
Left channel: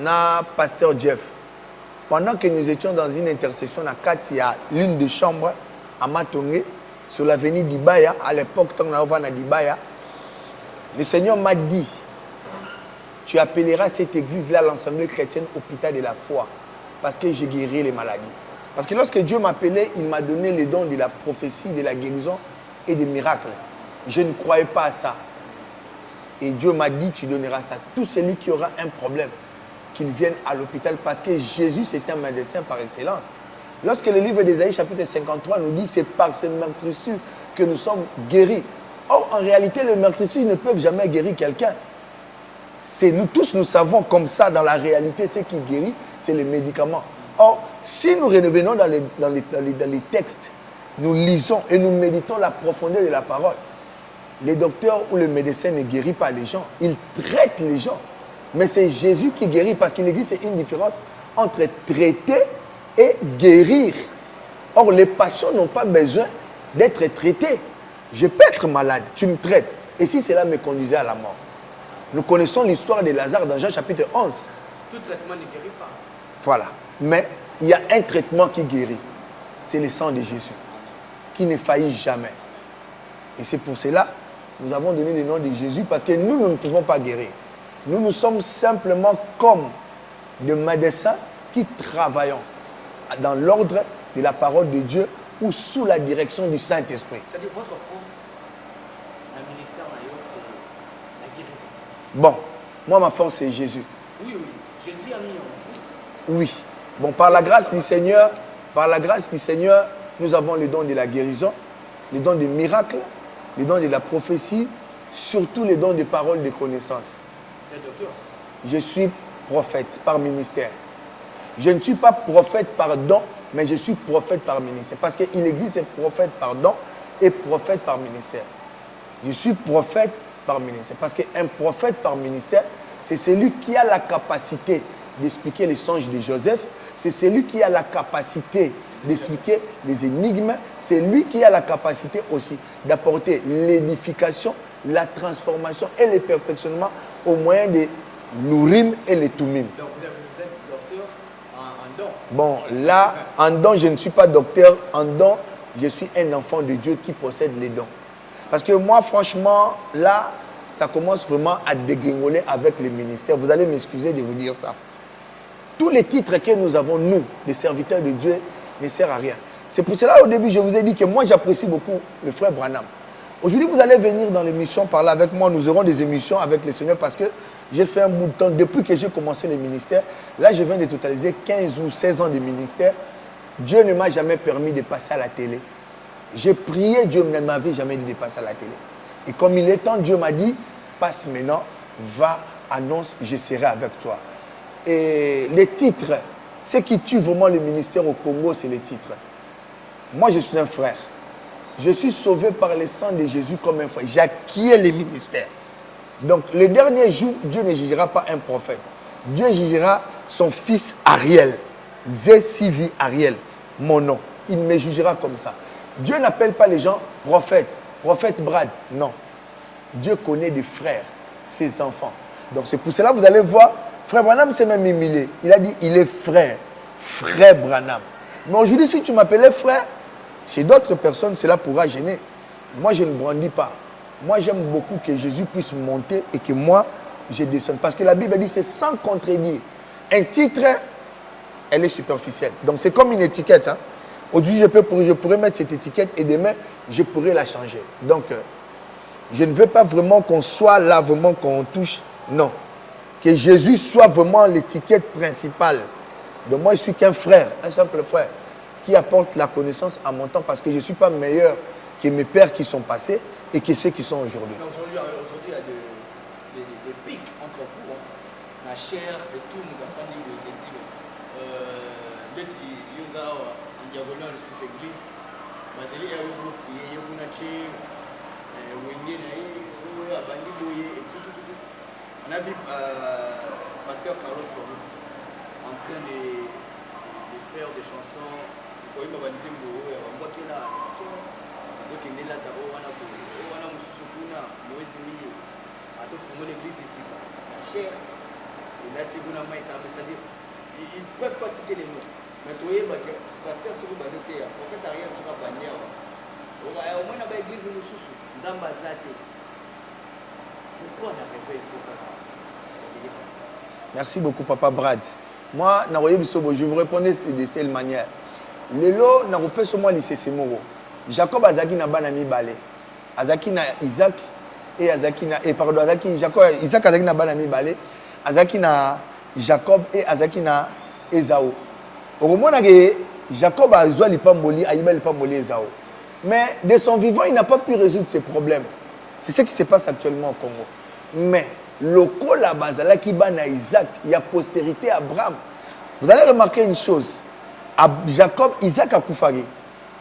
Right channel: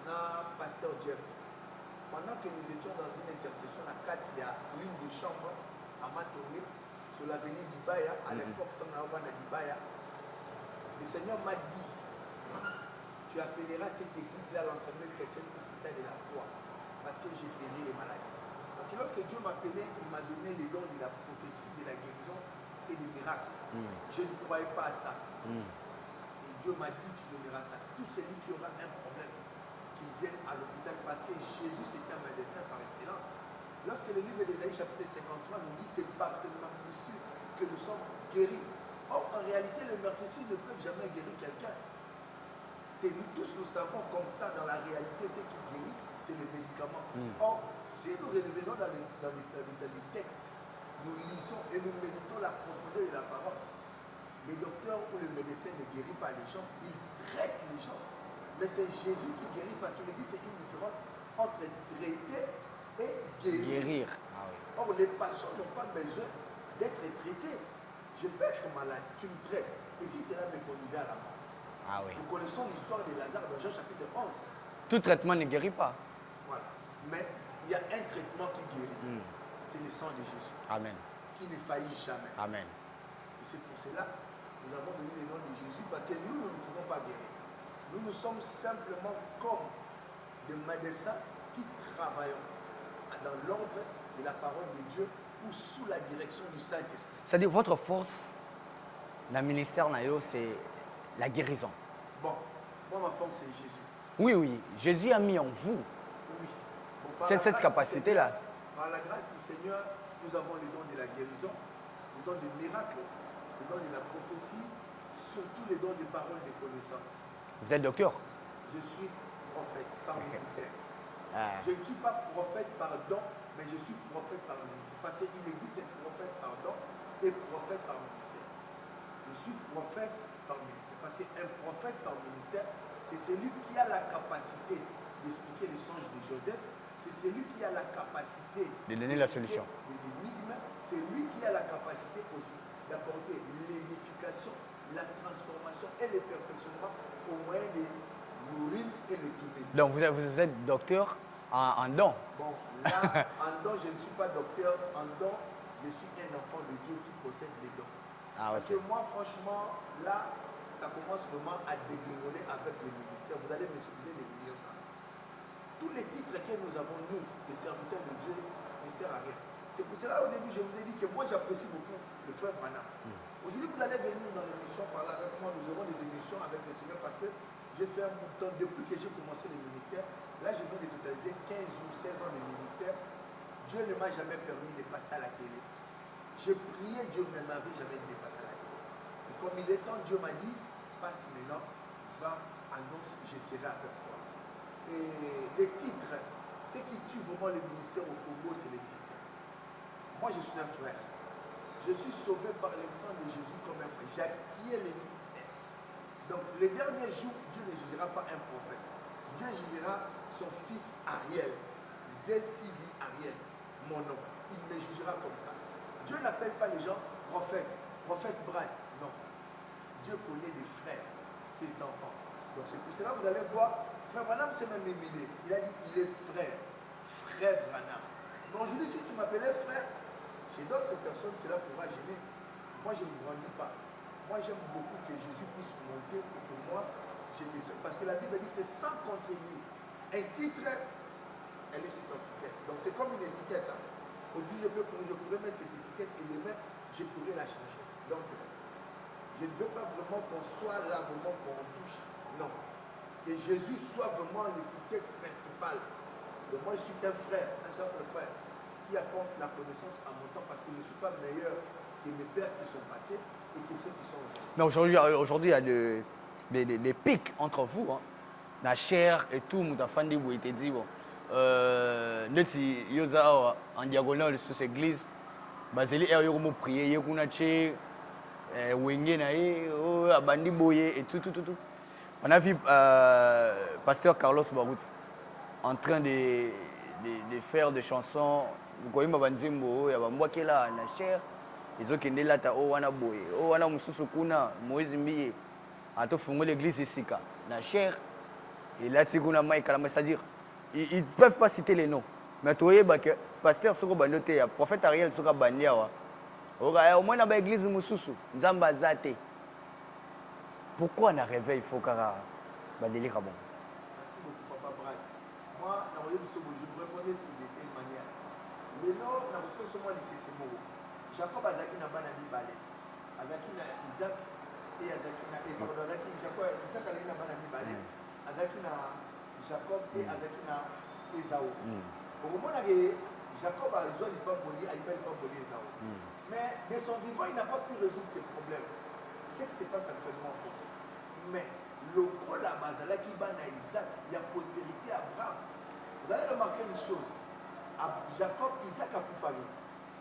na pasteur Jeff. Pendant que nous étions dans une intercession à Katia, l'une des chambres à Matongé, sur l'avenue d'Ibaya, à l'époque, quand on a d'Ibaya, le Seigneur m'a dit, tu appelleras cette église-là l'Assemblée chrétienne hôpital de la foi. Parce que j'ai guéri les maladies. Parce que lorsque Dieu m'appelait, il m'a donné les dons de la prophétie, de la guérison et des miracles. Je ne croyais pas à ça. Et Dieu m'a dit, tu donneras ça. Tout celui qui aura un problème, qu'il vienne à l'hôpital. Parce que Jésus, c'est un médecin par excellence. Lorsque le livre d'Ésaïe, chapitre 53, nous dit, c'est par ces meurtrissures que nous sommes guéris. Or, en réalité, les meurtrissures ne peuvent jamais guérir quelqu'un. Nous tous, nous savons comme ça, dans la réalité, ce qui guérit, c'est les médicaments. Or, si nous revenons dans les textes, nous lisons et nous méditons la profondeur de la parole, les docteurs ou le médecin ne guérit pas les gens, ils traitent les gens. Mais c'est Jésus qui guérit parce qu'il existe une différence entre traiter et guérir. Or, les patients n'ont pas besoin d'être traités. Je peux être malade, tu me traites. Et si cela me conduisait à la mort? Nous connaissons l'histoire de Lazare dans Jean chapitre 11. Tout traitement ne guérit pas. Voilà. Mais il y a un traitement qui guérit. C'est le sang de Jésus. Amen. Qui ne faillit jamais. Amen. Et c'est pour cela que nous avons donné le nom de Jésus parce que nous ne pouvons pas guérir. Nous sommes simplement comme des médecins qui travaillons dans l'ordre de la parole de Dieu ou sous la direction du Saint-Esprit. C'est-à-dire votre force dans le ministère, c'est la guérison. Bon, moi ma force c'est Jésus. Oui, oui. Jésus a mis en vous. Oui. Bon, par la grâce du Seigneur, nous avons le don de la guérison, le don des miracles, le don de la prophétie, surtout le don des paroles de connaissance. Vous êtes docteur? Je suis prophète par ministère. Je ne suis pas prophète par don, mais je suis prophète par ministère. Parce qu'il existe prophète par don et prophète par ministère. Je suis prophète par ministère. Parce qu'un prophète par ministère, c'est celui qui a la capacité d'expliquer les songes de Joseph. C'est celui qui a la capacité d'expliquer les énigmes. C'est lui qui a la capacité aussi d'apporter l'édification, la transformation et le perfectionnement au moyen des l'Urim et les Tumim. Donc vous êtes docteur en don. Bon, là, en don, je ne suis pas docteur. En don, je suis un enfant de Dieu qui possède les dons. Parce que moi, franchement, là, ça commence vraiment à dégringoler avec les ministères. Vous allez m'excuser de vous dire ça. Tous les titres que nous avons, nous, les serviteurs de Dieu, ne servent à rien. C'est pour cela, au début, je vous ai dit que moi, j'apprécie beaucoup le frère Branham. Aujourd'hui, vous allez venir dans l'émission parler avec moi. Nous aurons des émissions avec le Seigneur parce que j'ai fait un bout de temps. Depuis que j'ai commencé le ministère, là, je viens de totaliser 15 ou 16 ans de ministère. Dieu ne m'a jamais permis de passer à la télé. J'ai prié, Dieu ne m'avait jamais dit de passer à la télé. Et comme il est temps, Dieu m'a dit, passe maintenant, va, annonce, je serai avec toi. Et les titres, ce qui tue vraiment le ministère au Congo, c'est les titres. Moi, je suis un frère. Je suis sauvé par le sang de Jésus comme un frère. J'acquiers le ministère. Donc, le dernier jour, Dieu ne jugera pas un prophète. Dieu jugera son fils Ariel. Zé-Sivi Ariel, mon nom. Il me jugera comme ça. Dieu n'appelle pas les gens prophètes. Prophète Brad, non. Dieu connaît des frères, ses enfants. Donc, c'est pour cela que vous allez voir, frère Branham s'est même humilié. Il a dit, il est frère. Frère Branham. Mais aujourd'hui, si tu m'appelais frère, chez d'autres personnes, cela pourra gêner. Moi, je ne brandis pas. Moi, j'aime beaucoup que Jésus puisse monter et que moi, je descende. Parce que la Bible dit, c'est sans contredire. Un titre, elle est superficielle. Donc, c'est comme une étiquette. Hein. Aujourd'hui, je pourrais mettre cette étiquette et demain, je pourrais la changer. Donc, je ne veux pas vraiment qu'on soit là, vraiment qu'on touche. Non. Que Jésus soit vraiment l'étiquette principale. Donc, moi, je suis qu'un frère, un simple frère, qui apporte la connaissance à mon temps parce que je ne suis pas meilleur que mes pères qui sont passés et que ceux qui sont aujourd'hui. Mais aujourd'hui, il y a des pics entre vous. Hein. La chair et tout, Moutafandi, vous avez dit. Neti yoza en diagonale sous l'église. Baseli a eu prié, il y a eu Wenge nae, Abandi Boye et tout. On a vu pasteur Carlos Barout en train de faire des chansons. Vous voyez Mabanzimbo, il y a un qui est là, la chair. Les autres qui sont là, oh, wana boye, oh, wana mususukuna, Moïse Mbiye. A tout fondé l'église ici, la chair. Et là, c'est-à-dire, ils ne peuvent pas citer les noms. Mais tu vois, le pasteur Soko Bandote, le prophète Ariel Soko Bandia, au moins dans l'église de Moussoussou, Zamba Zate. Pourquoi on a réveillé Fokara? Merci beaucoup, Papa Brad. Moi, je vous répondais de cette manière. Lelo, je ne peux pas lycée Semoro. Jacob Azaki n'a pas ami balé. Azaki na Isaac et Azaki na. Et pardon, Azaki, Jacob, Isaac Azaki n'a pas ami balé. Azaki na Jacob et Azaki na Esaü. Au moment où Jacob a joué l'Ipamoli, Aïba l'Ipamoli Esaü. Mais de son vivant, il n'a pas pu résoudre ses problèmes. C'est ce qui se passe actuellement au Congo. Mais le col là-bas, qui na Isaac, il y a postérité à Abraham. Vous allez remarquer une chose. Jacob, Isaac a koufari.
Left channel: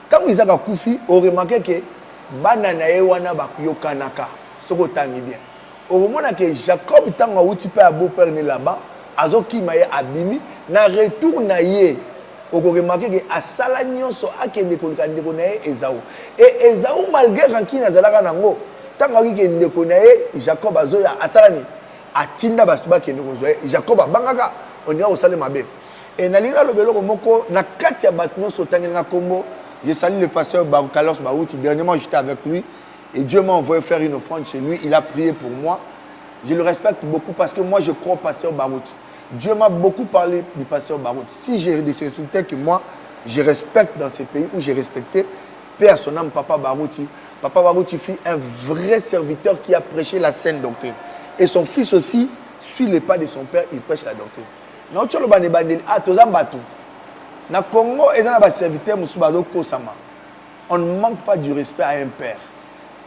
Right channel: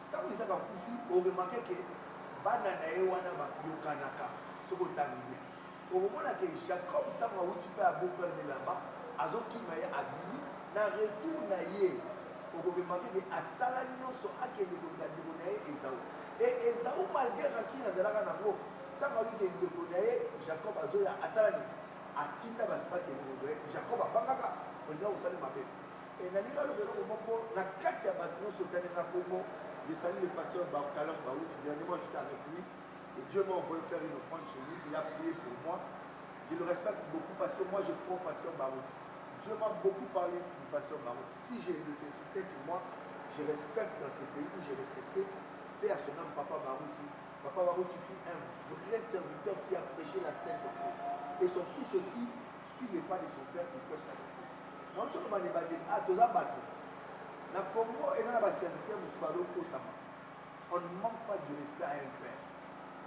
Quand Isaac a koufi, on remarque que banana ewana bakuyokanaka. Soko tangi bien. Au moment où Jacob tanga outi pe abo père là-bas, azoki maye abimi na retour na ye. On remarque que asala nyonso akende kolika ndeko na ye Esaü. Et Esaü malgré ranki na zalaka nango, tanga ki ndeko na ye Jacob azoya asalani atinda basuba kende kozoya Jacob abangaka on ira osale mabe. Et nalira lobelo moko na kati ya batno sotangi na kombo. Je salue le pasteur Carlos Barouti. Dernièrement, j'étais avec lui et Dieu m'a envoyé faire une offrande chez lui. Il a prié pour moi. Je le respecte beaucoup parce que moi, je crois au pasteur Barouti. Dieu m'a beaucoup parlé du pasteur Barouti. Si j'ai des respectés que moi, je respecte dans ces pays où j'ai respecté, Père, son âme, Papa Barouti. Papa Barouti fut un vrai serviteur qui a prêché la sainte doctrine. Et son fils aussi suit les pas de son père, il prêche la doctrine. Na Congo, on ne manque pas du respect à un père.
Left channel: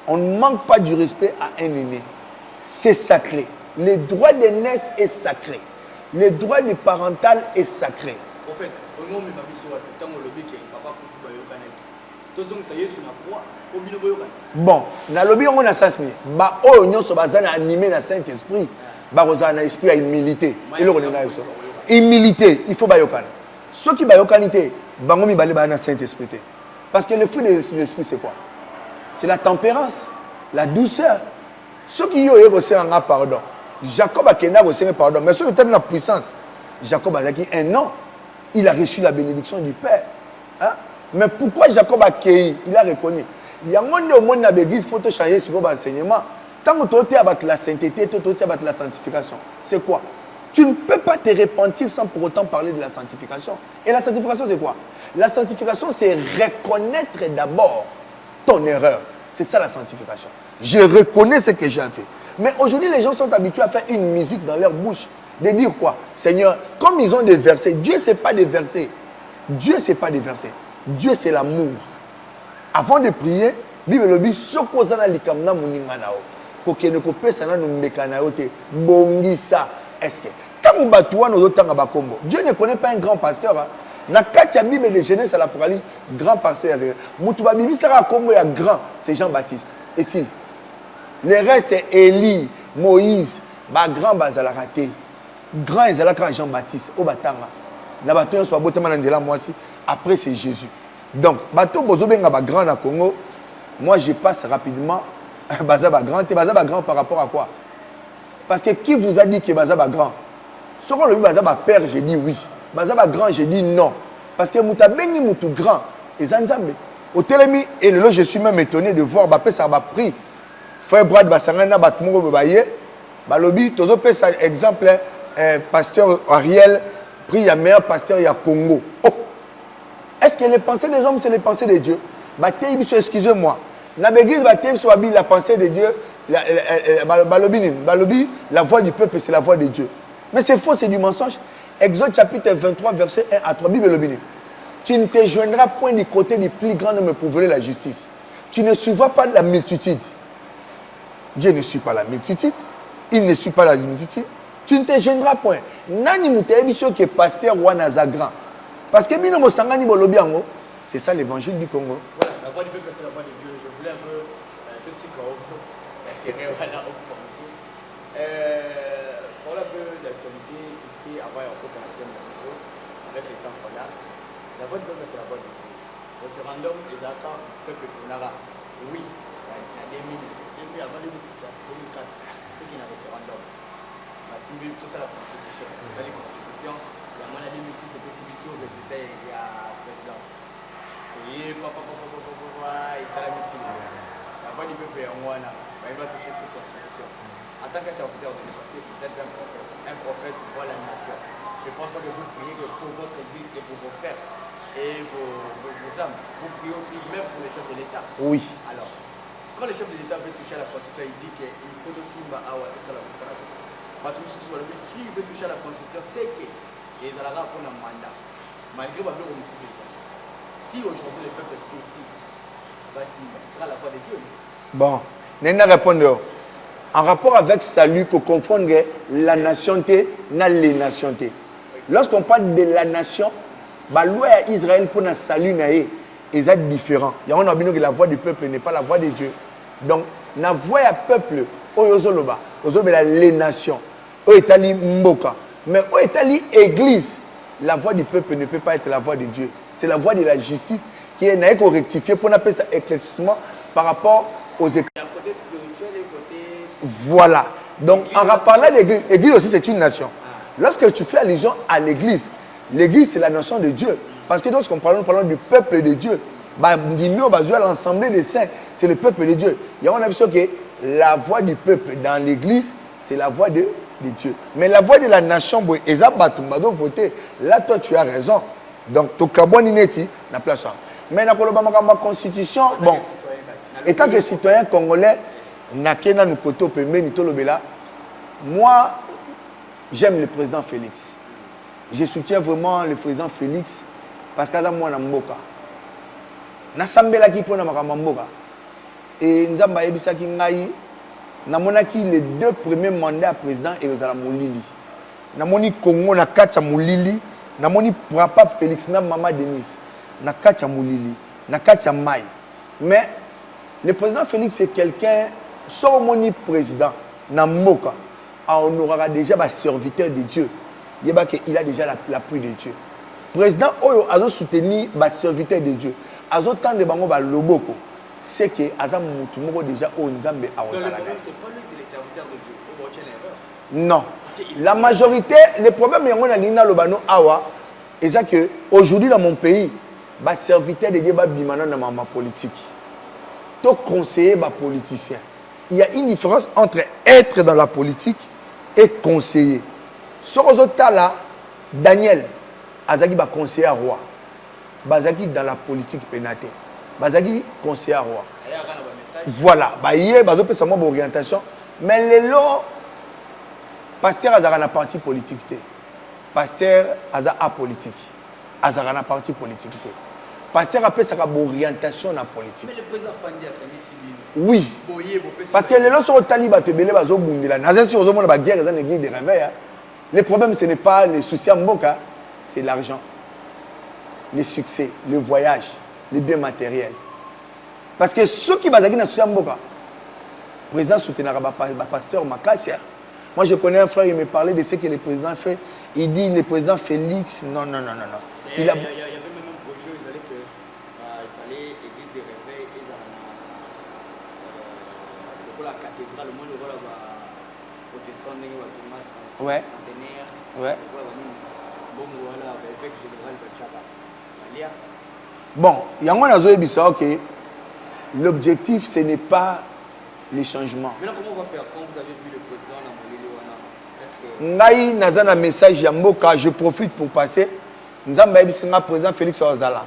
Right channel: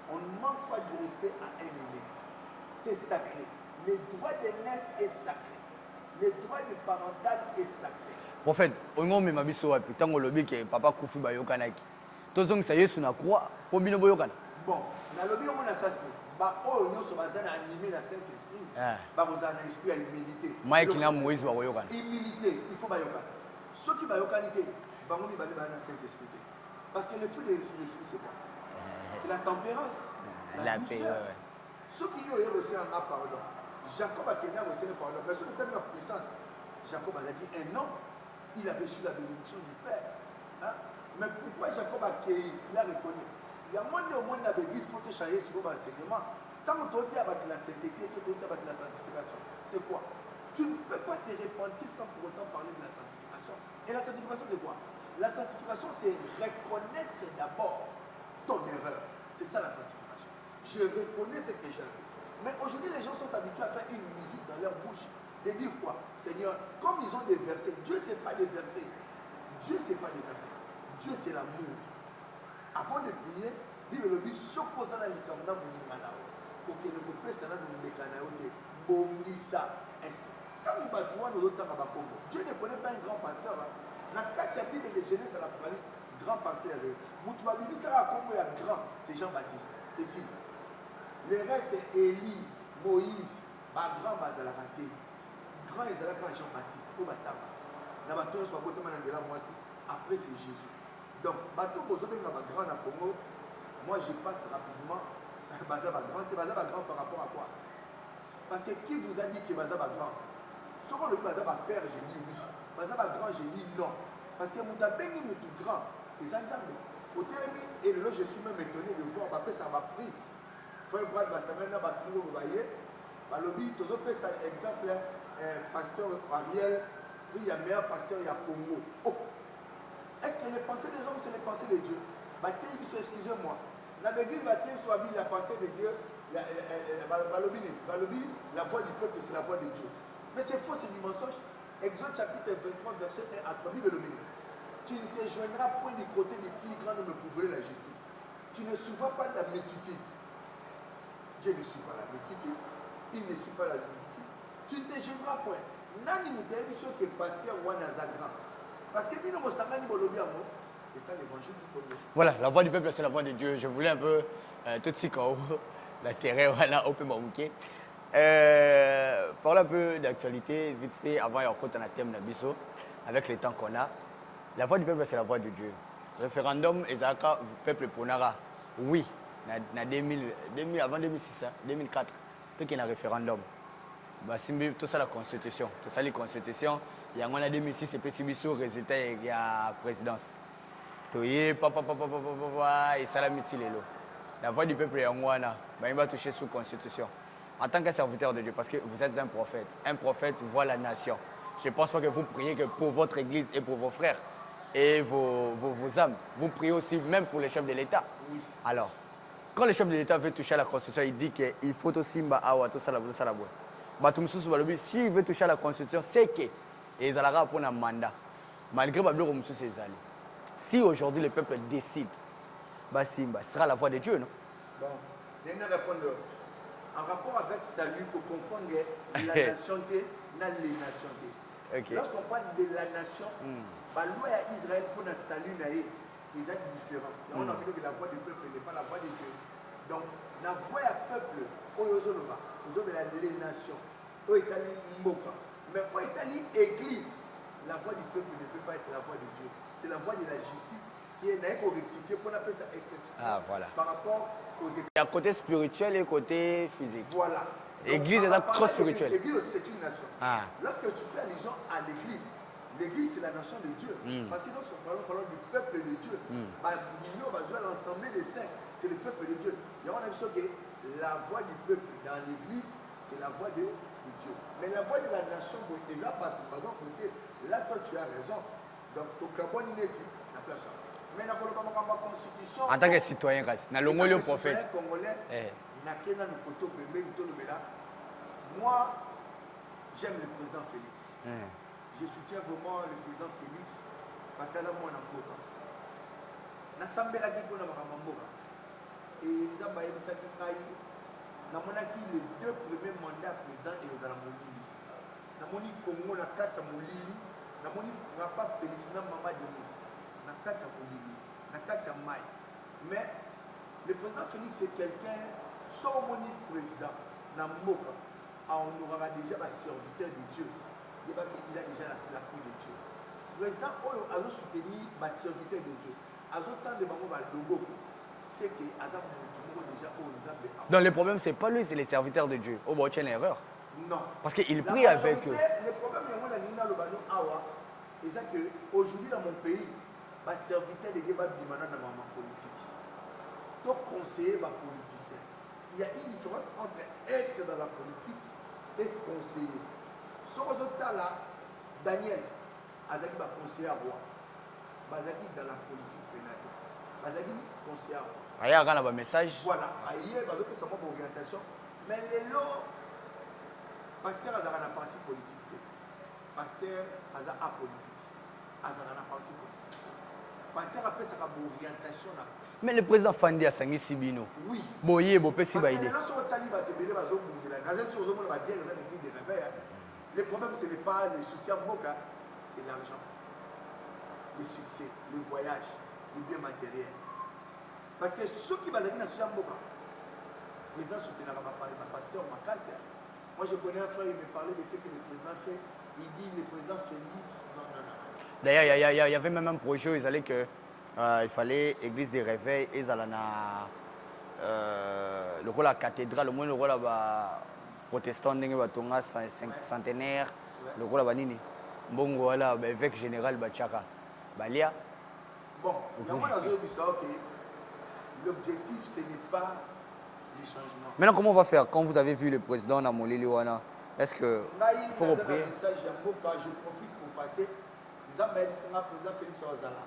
On ne manque pas du respect à un aîné. C'est sacré. Le droit de naissance est sacré. Le droit du parental est sacré. En fait, on m'a dit que papa Kofi Bayokanaki. Tozong ça y est sur la croix. Bon, na lobby on a ça signé. Ba o nyonso bazana animé na Saint-Esprit. Ba rozana esprit à humilité. Humilité, il faut bayokana. Ceux qui bayokanité, bangomi balé ba na Saint-Esprit. Parce que le fruit de l'esprit c'est quoi? C'est la tempérance, la douceur. Ceux qui ont reçu un pardon. Jacob a reçu un pardon, mais sur le terme de la puissance, Jacob a dit un an, il a reçu la bénédiction du Père. Hein? Mais pourquoi Jacob a cueilli? Il a reconnu. Il y a un monde au monde il faut changer sur l'enseignement. Tant que tu as la sainteté, tu as la sanctification. C'est quoi? Tu ne peux pas te repentir sans pour autant parler de la sanctification. Et la sanctification, c'est quoi? La sanctification, c'est reconnaître d'abord ton erreur. C'est ça la sanctification. Je reconnais ce que j'ai fait. Mais aujourd'hui, les gens sont habitués à faire une musique dans leur bouche. De dire quoi? Seigneur, comme ils ont des versets, Dieu, ce n'est pas des versets. Dieu, ce n'est pas des versets. Dieu, c'est l'amour. Avant de prier, Bible le dit, sokozana likamna muninganao. Kokene kopesa na numbekanao te bongisa. Est-ce que quand on batoua nos autres bakombo, Dieu ne connaît pas un grand pasteur. Na katia Bible de Genèse à l'Apocalypse, grand pasteur. Mutuba bibi sera kombo ya grand, c'est Jean-Baptiste. Et si le reste c'est Élie, Moïse, ba grand bazala raté. Grand ezalaka Jean-Baptiste au batanga. Na bato soit botema na nzela moi aussi. Après c'est Jésus. Donc bato bozobenga ba grand na Congo. Moi je passe rapidement bazaba grand, bazaba grand par rapport à quoi? Parce que qui vous a dit que bazaba grand? Selon le bazaba père, j'ai dit oui. Bazaba grand, j'ai dit non. Parce que mutabengi mutu grand et zanzambe. Au Télémi et le je suis même étonné de voir Bapé ça va pris. Frère Brad Basangana Batmo Baye, Balobi tozo pe ça exemple pasteur Ariel pris ya meilleur pasteur ya Congo. Oh. Est-ce que les pensées des hommes c'est les pensées de Dieu? Baté excusez-moi. Na l'église Baté soit la pensée de Dieu. Balobi, la voix du peuple, c'est la voix de Dieu. Mais c'est faux, c'est du mensonge. Exode chapitre 23, verset 1 à 3, Bible Lobini. Tu ne te joindras point du côté du plus grand de me prouver la justice. Tu ne suivras pas la multitude. Dieu ne suit pas la multitude. Il ne suit pas la multitude. Tu ne te joindras point. Nani moutébiso qui est pasteur ou grand. Parce que bino sangani bolobiango, c'est ça l'évangile du Congo. Voilà, la voix du peuple, c'est la voix de Dieu. Je voulais un peu tout ce qu'on parle un peu d'actualité, vite fait, avant un peu un thème de avec les temps qu'on a. La voix du peuple, c'est la voix de Dieu. Le référendum, Ezaka, peuple Ponara, oui, en 2000, avant 2006, 2004, il y a un référendum. C'est tout ça la constitution. C'est ça la constitution. Il y a moins en 2006, c'est que si le résultat, il y a présidence. Et ça la mutilé. La voix du peuple est en moi, il va toucher sous la constitution. En tant que serviteur de Dieu, parce que vous êtes un prophète voit la nation. Je ne pense pas que vous priez que pour votre église et pour vos frères et vos âmes. Vous priez aussi même pour les chefs de l'État. Oui. Alors, quand le chef de l'État veut toucher à la constitution, il dit qu'il faut aussi tout ça. S'il veut toucher à la constitution, c'est que il y a un mandat. Malgré que si aujourd'hui le peuple décide, ce sera la voix de Dieu. Bon, Nena répondre. En rapport avec salut, qu'on confondre la nationalité et les nationalités. Lorsqu'on parle de la nation, la loi Israël pour le salut est différent. Il y a un que la voix du peuple n'est pas la voix de Dieu. Donc, la voix du peuple, les nations, mboka. Mais au Italie, église, la voix du peuple ne peut pas être la voix de Dieu. C'est la voix de la justice qui est rectifiée pour appeler ça éclaircissement par rapport aux églises. Il y a un côté spirituel et un côté... Voilà. Donc, en parlant d'église, l'église aussi c'est une nation. Lorsque tu fais allusion à l'église, l'église c'est la nation de Dieu. Parce que lorsqu'on parle du peuple de Dieu, l'ensemble des saints, c'est le peuple de Dieu. Il y a une option que la voix du peuple dans l'église, c'est la voix de Dieu. Mais la voix de la nation, voter. Là, toi, tu as raison. Donc, tu as la place. Mais dans la constitution, étant que citoyen congolais, moi, j'aime le président Félix. Je soutiens vraiment le président Félix parce que moi, je suis mboka. Nasambela ki pona makamba mboka. Et nzamba yebisaki ngai namonaki les 2 premiers mandats président ezala molili. Namoni Congo na kacha molili, namoni papa Félix na maman Denise na kacha molili, na kacha mai. Mais le président Félix c'est quelqu'un sans moni président na mboka, on aura déjà un serviteur de Dieu. Il a déjà l'appui de Dieu. Président Oyo a soutenu un serviteur de Dieu. Azotan de bango ba loboko, c'est que azam mutumoko déjà au nzambe a. Donc le problème c'est pas lui, c'est les serviteurs de Dieu. Au bout d'une erreur. Non. Parce que la majorité, le problème est qu'on a lina lobano awa, et ça que aujourd'hui dans mon pays, ba serviteur de Dieu ba bimana na ma politique. To conseiller ba politicien. Il y a une différence entre être dans la politique et conseiller. Sorozotala, Daniel, Azaki ba conseiller roi. Bazaki dans la politique pénate. Bazaki conseiller roi. Voilà, ba yé bazo pesa mo orientation, mais lelo pasteur azaka na parti politique té. Pasteur aza apolitique. Azaka na parti politique té. Pasteur a pesa ka orientation na politique. Mais le président Fandi a sangi Sibino. Oui. Parce que lelo so taliba te belé bazo bundela. Naza si ozo mona ba guerre za néglige de réveil. Le problème ce n'est pas les soucis à Mboka, c'est l'argent. Les succès, le voyage, les biens matériels. Parce que ceux qui bazaki na souci à Mboka, le président soutenira le pasteur Makassia. Moi, je connais un frère, il me parlait de ce que le président fait. Il dit, le président Félix, non. D'ailleurs, il y avait même un projet où il fallait que il fallait l'église des réveils, et la cathédrale, le moins le rôle protestant, centenaire, le rôle bon, voilà, évêque général Bachapa. Bon, il y a un autre que l'objectif, ce n'est pas les changements. Maintenant, comment on va faire quand vous avez vu le président Namolili Wana? Est-ce que... Ngai nazana message Yamboka, je profite pour passer. Nous avons le président Félix Ozala.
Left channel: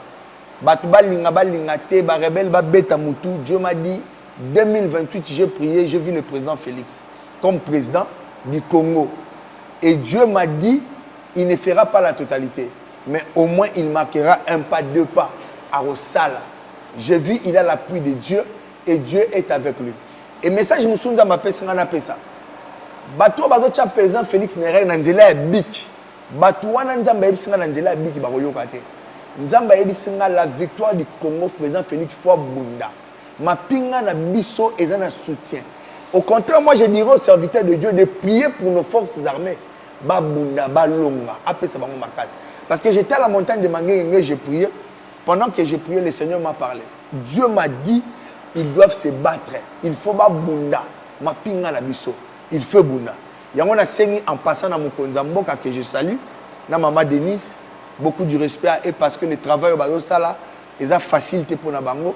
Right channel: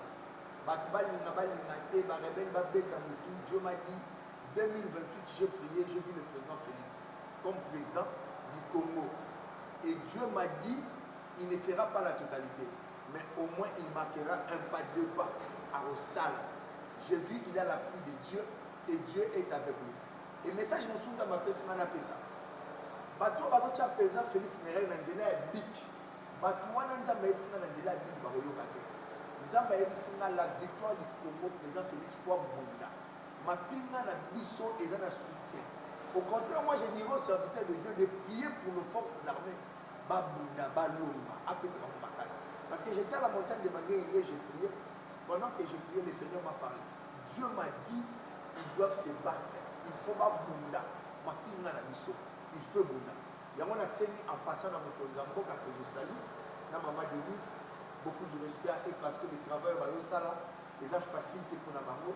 Batouba linga te, ba rebelle ba beta mutu. Dieu m'a dit 2028 j'ai prié, j'ai vu le président Félix comme président du Congo. Et Dieu m'a dit il ne fera pas la totalité, mais au moins il marquera un pas, deux pas à Rosala. J'ai vu il a l'appui de Dieu et Dieu est avec lui. Et message Moussounza m'a fait ça. Bato bazo tcha président Félix Néré nanzela bik. Bato wana nzamba yebisinga nanzela bik bakoyoka te. Nzamba yebisinga la victoire du Congo président Félix fois bunda. Ma pinga na biso ezana soutien. Au contraire, moi je dirais aux serviteurs de Dieu de prier pour nos forces armées. Babunda, balonga, après ça va mon makasi. Parce que j'étais à la montagne de Mangué, j'ai prié. Pendant que j'ai prié, le Seigneur m'a parlé. Dieu m'a dit, ils doivent se battre. Il faut babunda, ma pinga na biso. Il faut bunda. Yango na sengi en passant dans mon konzamboka que je salue, na maman Denise, beaucoup de respect à eux parce que le travail au bazo sala, ils ont facilité pour na bango.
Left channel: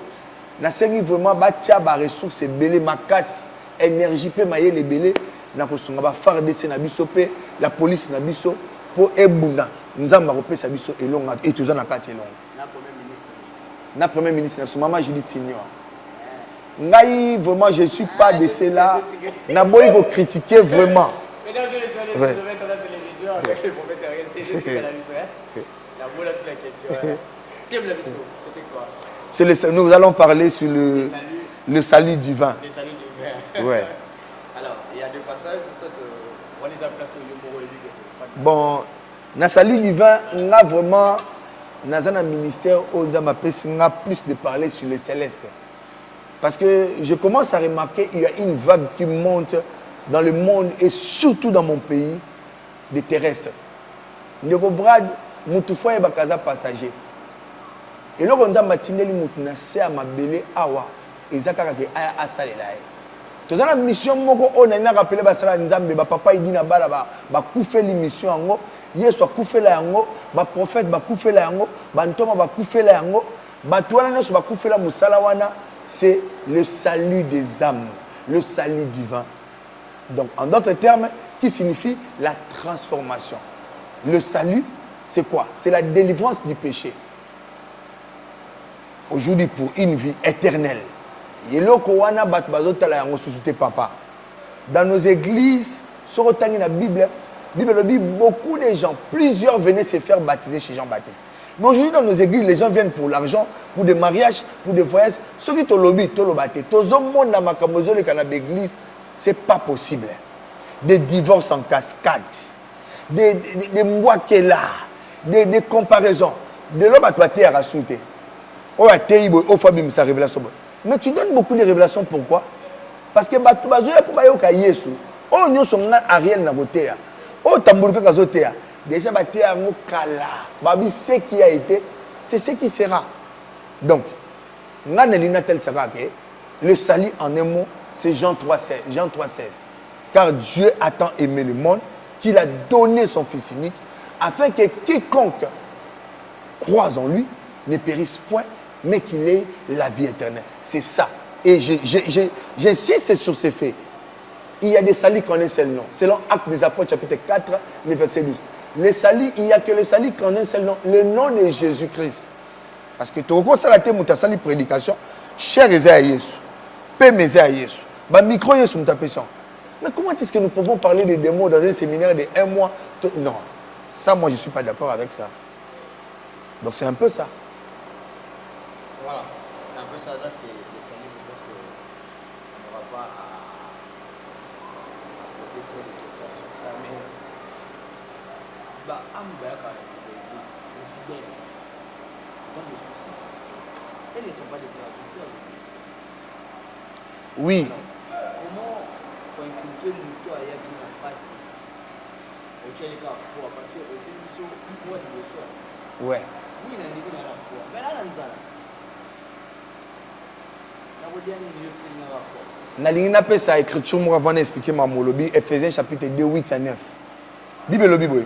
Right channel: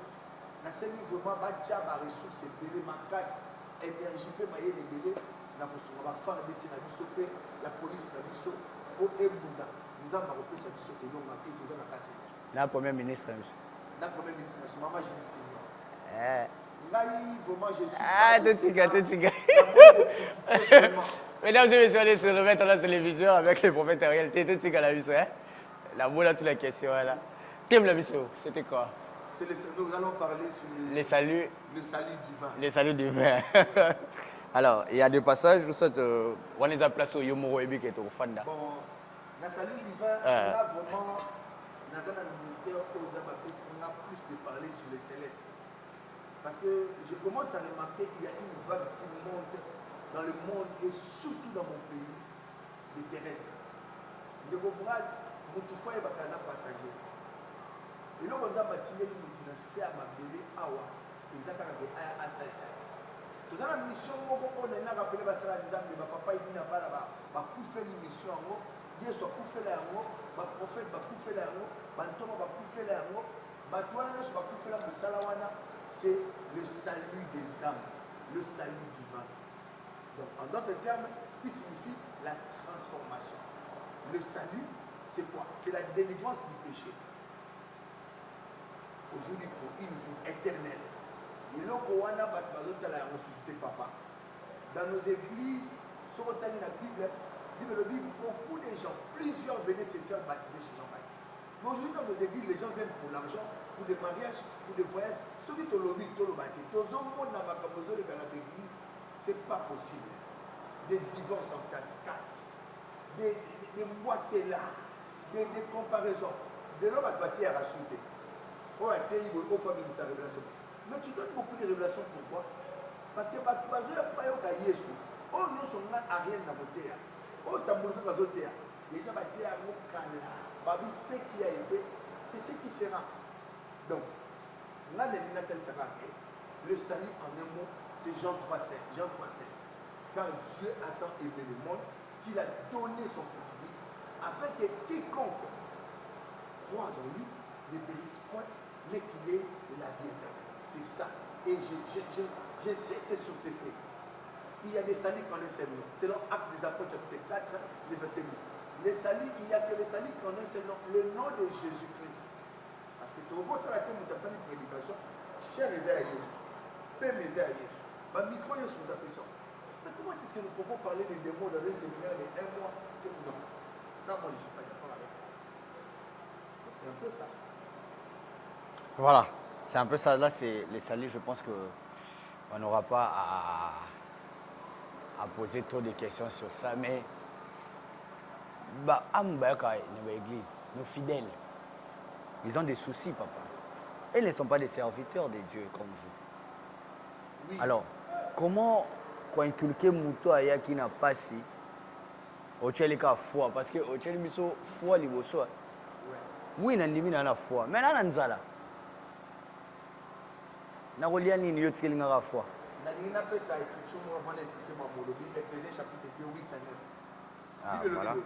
Na sengi vraiment batia ba ressources belé makasi, énergie pe maye les belé na ko sunga ba FARDC na biso pe la police na biso pour ebunda. Nzamba ko pesa biso elonga et tous na kati elonga. Na premier ministre maman Judith Senior. Ngai, vraiment, je ne suis pas de cela. Naboy vous critiquer vraiment. Mesdames et messieurs, je vais mettre la télévision avec le prophète en réalité. Je suis à la vision. Naboy a toutes les questions. T'aimes la vision? C'était quoi? Nous allons parler sur le salut divin. Le salut divin. Ouais. Alors, il y a deux passages. On les a placés au Yomoro et Biketo. Bon, dans le salut divin, on a vraiment, dans un ministère, on a plus de parler sur les célestes. Parce que je commence à remarquer qu'il y a une vague qui monte dans le monde et surtout dans mon pays, des terrestres. Ndeko Brad, Moutoufoua et Bakaza passager. Et là, on a matineli Moutounase à Mabele Awa, et Zakarake Aya Asalelae. Tout ça, la mission, on a rappelé Basala Nzambe, papa il dit na bala, ba koufé l'émission en haut, Yesu a koufé la yango, ba prophète ba koufé la yango, ba ntoma ba koufé la yango, ba touana nesu ba koufé la musalawana. C'est le salut des âmes, le salut divin. Donc, en d'autres termes, qui signifie la transformation. Le salut, c'est quoi? C'est la délivrance du péché. Aujourd'hui, pour une vie éternelle. Dans nos églises, sur la Bible, beaucoup de gens, plusieurs venaient se faire baptiser chez Jean-Baptiste. Mais aujourd'hui, dans nos églises, les gens viennent pour l'argent, pour des mariages, pour des voyages. Ceux qui ont lobby, tout le bâté. Tout le monde dans ma l'église, ce n'est pas possible. Des divorces en cascade, des mois qui est là, des comparaisons. De l'homme à toi, tu es rassouté. Mais tu donnes beaucoup de révélations. Pourquoi? Parce que tu Yesu. Oh, nous sommes Ariel Nabotea. Oh, Tambourka Kazotea. Déjà, ce qui a été, c'est ce qui sera. Donc, le salut en un mot, c'est Jean 3,16. Car Dieu a tant aimé le monde qu'il a donné son Fils unique, afin que quiconque croise en lui ne périsse point, mais qu'il ait la vie éternelle. C'est ça. Et j'insiste sur ces faits. il y a des salis qu'en un seul nom. Selon Actes des Apôtres, chapitre 4, le verset 12. Les salis, il n'y a que les salis qu'en un seul nom. Le nom de Jésus-Christ. Parce que tu reconnais ça, tu as prédication. Cher Jésus, Père Jésus, micro Jésus, mais comment est-ce que nous pouvons parler des démons dans un séminaire de 1 mois? Non, ça, moi, je ne suis pas d'accord avec ça. Donc, c'est un peu ça. Voilà, c'est un peu ça. Là, c'est les salis. Je pense qu'on n'aura pas à poser trop de questions sur ça. Mais, l'église, les fidèles, ils ont des soucis. Ils ne sont pas des serviteurs de Dieu. Oui. Alors, comment inculquer mon toit qui n'a pas si au tchèque a foi parce que au tchèque nous foi niveau soi. Ouais. Oui, na ndimi na foi. Mais là na nzala. Na kolia ni yo tsheli nga foi. Na lingina pesa écriture moi avant d'expliquer ma molobi Ephésiens chapitre 2 8 à 9. Bible le Bible.